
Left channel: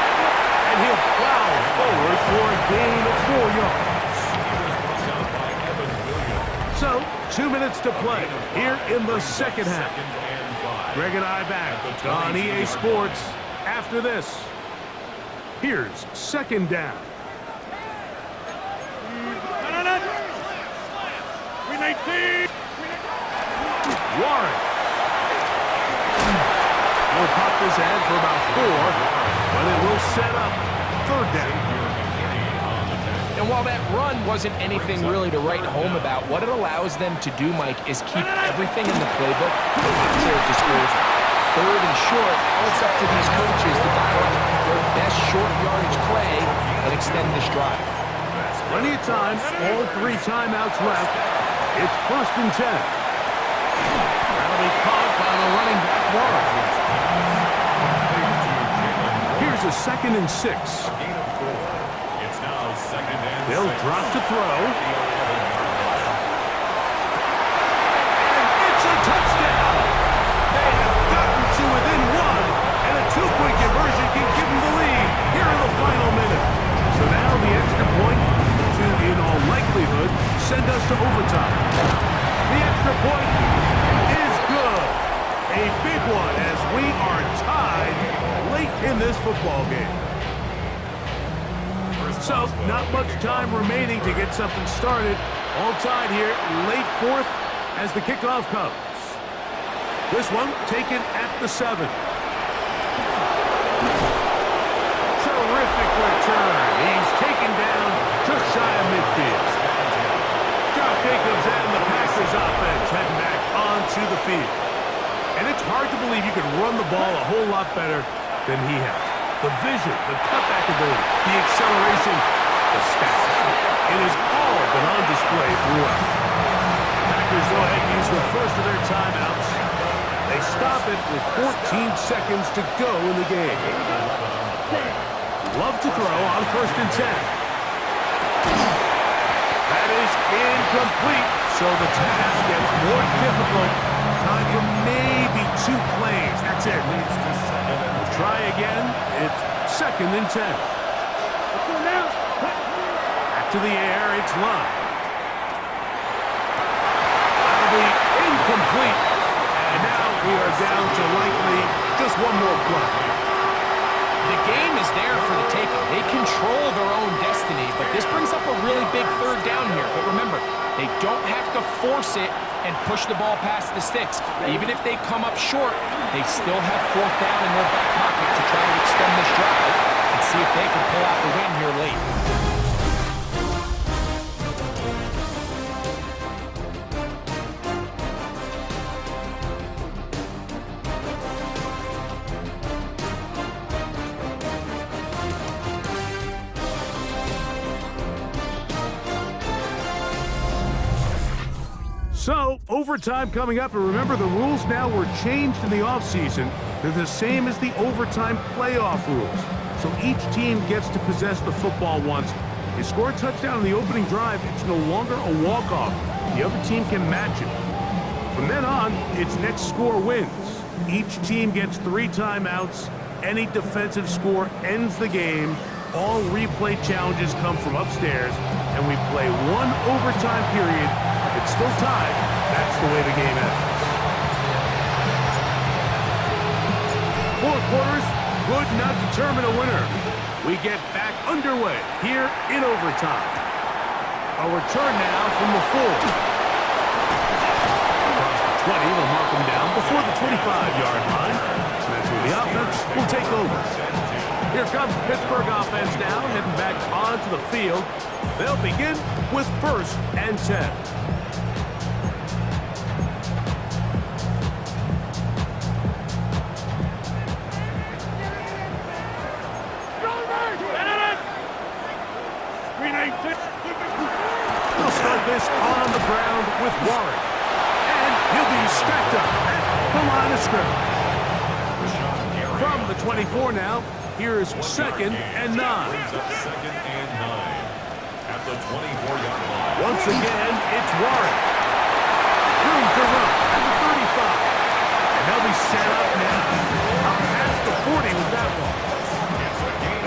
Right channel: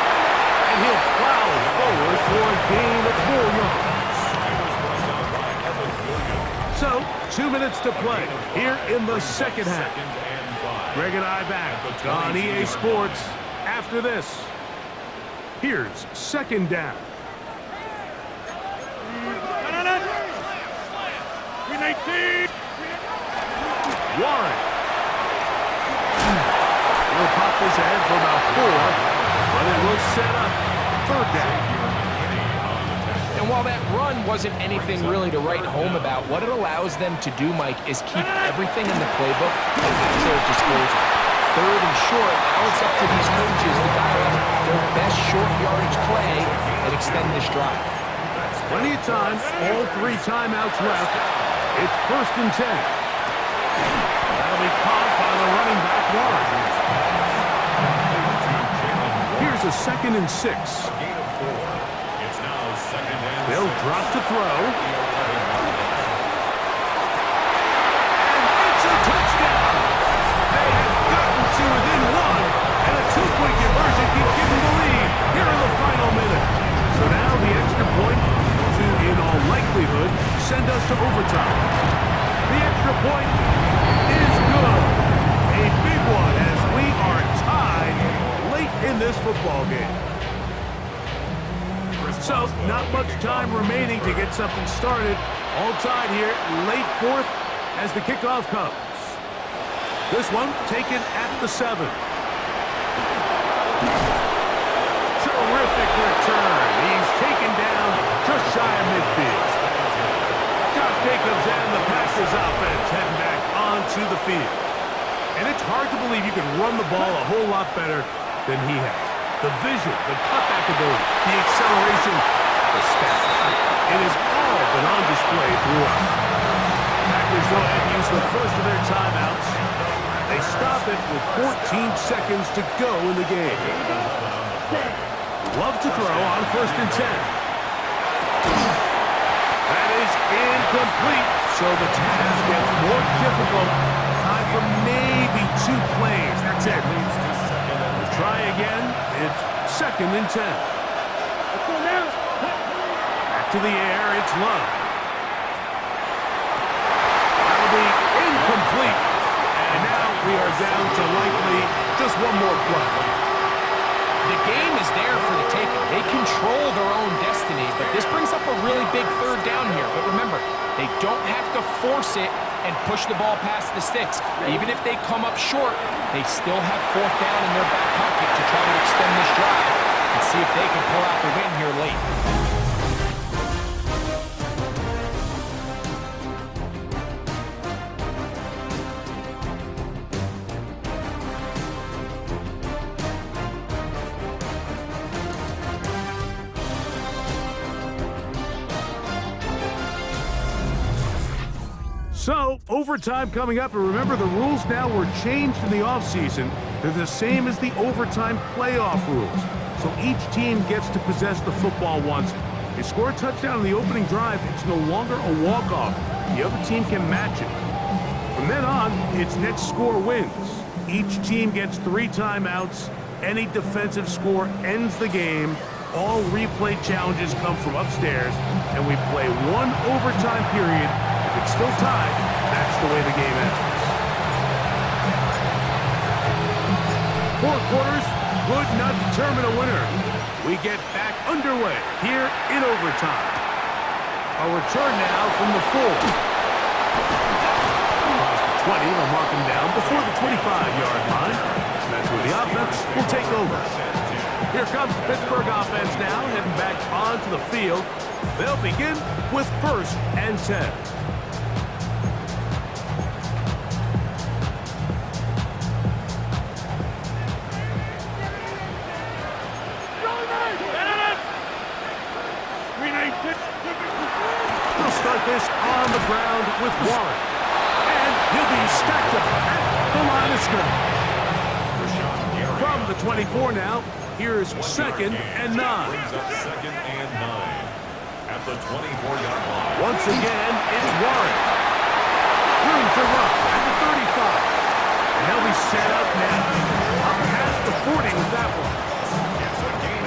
And he'll plow forward for a gain of 4 yards. He was brought down by Evan Williams. So, 2 minutes to play here in the second half. 2nd and 5. Greg and I back on EA Sports after this. Here's 2nd down. 319. Warren. He'll pop this ahead for about 4, but it will set up 3rd down. And while that run wasn't anything really to write home about, what it allows them to do, Mike, is keep everything in the playbook at their disposal. 3rd and short, now it's up to these coaches to dial up their best short yardage play and extend this drive. Plenty of time, all 3 timeouts left. It's 1st and 10. That'll be caught by the running back, Warren. Here's a 2nd and 6. Gain of 4. It's now 2nd and 6. They'll drop to throw. And it's a touchdown. They have gotten to within 1, and a 2-point conversion can give them the lead here in the final minute. So now the extra point to, in all likelihood, send us to overtime. The extra point is good. A big one as we are tied late in this football game. So, not much time remaining to get something started. All tied here, late 4th as the kickoff comes. This one taken at the 7. Terrific return. He's taken down just shy of midfield. Josh Jacobs and the Packers offense heading back onto the field. And it's hard to believe you can run the ball a whole lot better than he has. The vision, the cutback ability, the acceleration, the stats. It has all been on display throughout. Packers go ahead and use the first of their timeouts. They stop it with 14 seconds to go in the game. Love to throw on 1st and 10. That is incomplete, so the task gets more difficult. Time for maybe 2 plays. That's it. We'll try again. It's 2nd and 10. Let's go now. Back to the air. It's Love. That'll be incomplete. And now we are down to likely just 1 more play. The game is there for the taking. They control their own destiny, but this brings up a really big 3rd down here. But remember, they don't have to force it and push the ball past the sticks. Even if they come up short, they still have 4th down in their back pocket to try to extend this drive and see if they can pull out the win here late. So, overtime coming up, and remember the rules now were changed in the offseason. They're the same as the overtime playoff rules. So each team gets to possess the football once. If you score a touchdown in the opening drive, it's no longer a walk-off. The other team can match it. From then on, it's next score wins. Each team gets 3 timeouts. Any defensive score ends the game. All replay challenges come from upstairs, and we play 1 overtime period. If it's still tied, that's the way the game ends. 4 quarters would not determine a winner. We get back underway here in overtime. A return now from the 4. Across the 20, they'll mark him down before the 25-yard line. And that's where the offense will take over. Here comes the Pittsburgh offense now, heading back onto the field. They'll begin with 1st and 10. He'll start this on the ground with Warren. And he'll be stacked up at the line of scrimmage. From the 24 now, here's 2nd and 9. Brings up 2nd and 9 at the 24-yard line. Once again, it's Warren. Room to run at the 35. And they'll be set up now. Up past the 40 with that one.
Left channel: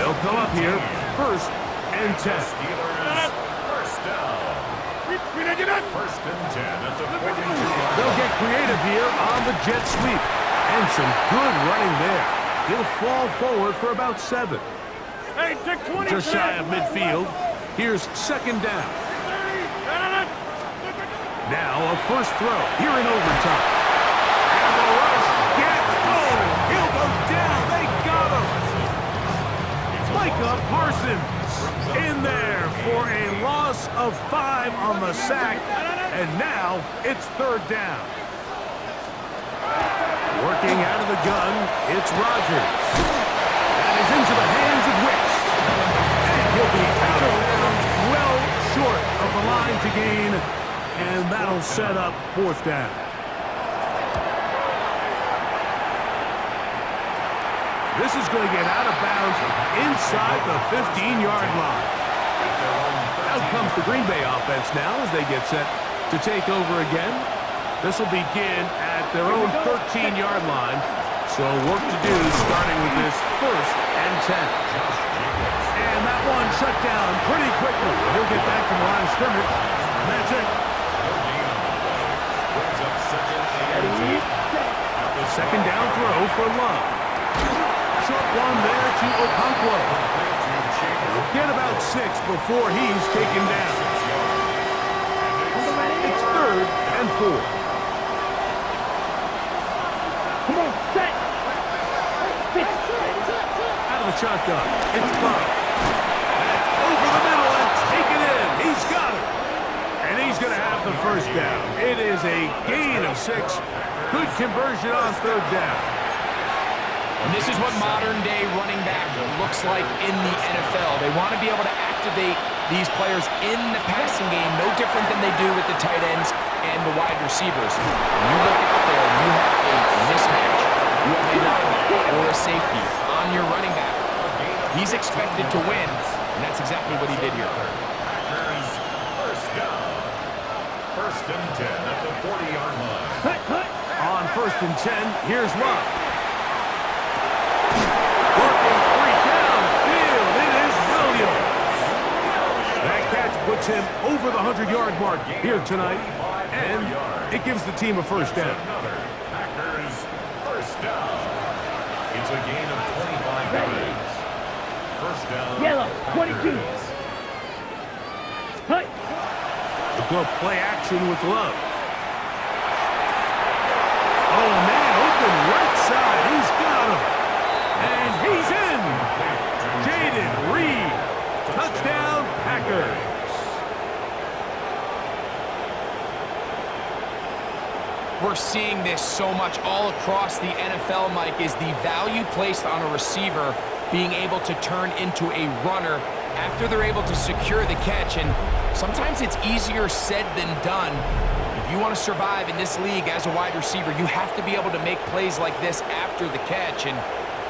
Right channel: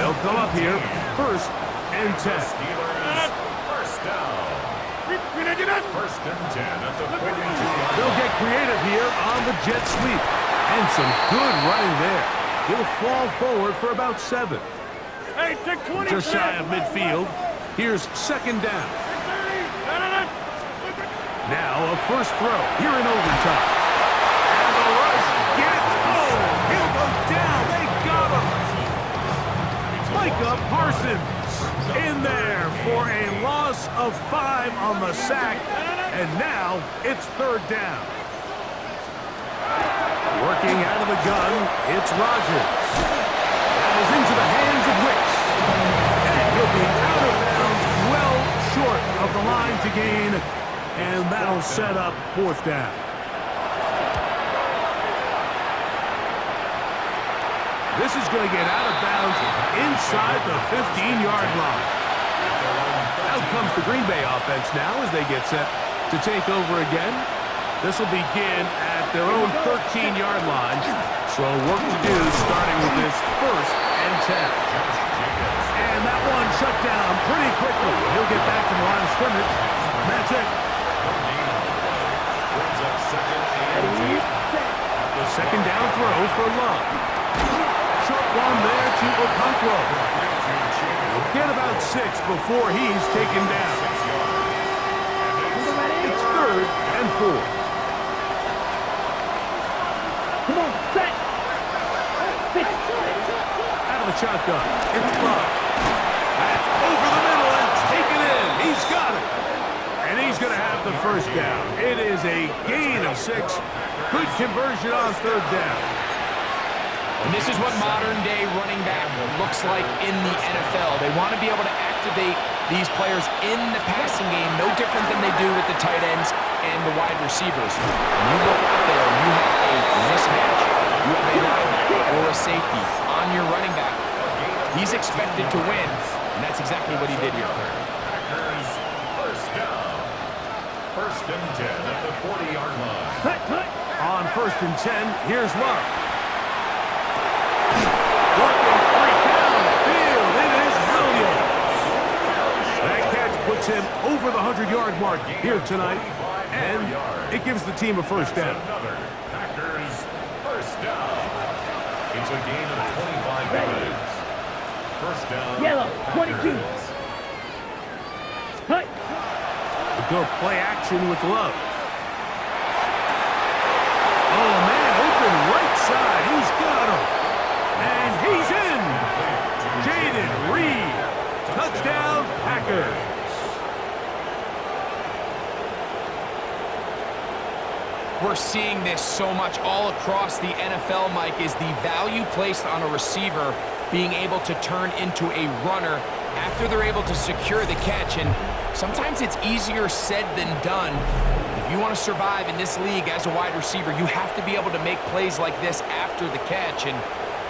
They'll come up here, 1st and 10. Steelers, 1st down. 1st and 10 at the 42-yard They'll line. get creative here on the jet sweep. And some good running there. He'll fall forward for about 7. Hey, take 20. Just shy of midfield. Here's 2nd down. Now a first throw here in overtime. And the rush gets home. He'll go down. They got him. Micah Parsons in there for a loss of 5 on the sack. And now it's 3rd down. Working out of the gun, it's Rodgers. That is into the hands of Wicks. And he'll be out of bounds, well short of the line to gain. And that'll set up 4th down. This is going to get out of bounds inside the 15-yard line. Out comes the Green Bay offense now as they get set to take over again. This will begin at their own 13-yard line. So work to do starting with this 1st and 10. And that one shut down pretty quickly. He'll get back to the line of scrimmage. And that's it. No gain on the play. Brings up 2nd and 10 at the 2nd down throw for Love. Short one there to Okonkwo. He'll get about 6 before he's taken down. It's 3rd and 4. Come on, set. Pitch. Out of the shotgun. It's Love. That's over the middle and taken in. He's got it. And he's going to have the 1st down. It is a gain of 6. Good conversion on 3rd down. And this is what modern-day running back looks like in the NFL. They want to be able to activate these players in the passing game, no different than they do with the tight ends and the wide receivers. And you look out there and you have a mismatch. You have a linebacker or a safety on your running back. He's expected to win, and that's exactly what he did here. Packers, 1st down. 1st and 10 at the 40-yard line. Cut. On 1st and 10, here's Love. Working free downfield. It is Williams. That catch puts him over the 100-yard mark here tonight. And it gives the team a 1st down. Another Packers 1st down. It's a gain of 25 yards. 1st down. Yellow, 22. Cut. We'll go play action with Love. Oh, man, open right side. He's got him. And he's in. Jaden Reed. Touchdown, Packers. We're seeing this so much all across the NFL, Mike, is the value placed on a receiver being able to turn into a runner after they're able to secure the catch. And sometimes it's easier said than done. If you want to survive in this league as a wide receiver, you have to be able to make plays like this after the catch. And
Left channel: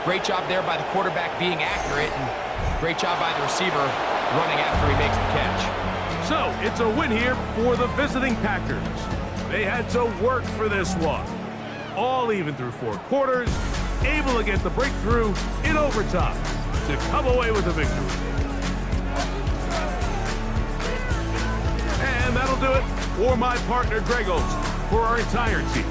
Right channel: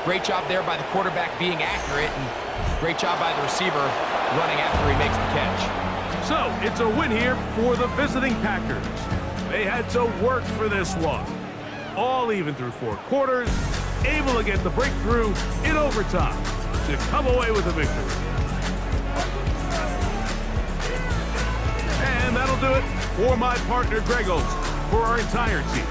great job there by the quarterback being accurate, and great job by the receiver running after he makes the catch. So it's a win here for the visiting Packers. They had to work for this one. All even through 4 quarters, able to get the breakthrough in overtime to come away with a victory. And that'll do it for my partner, Greg Olson, for our entire team.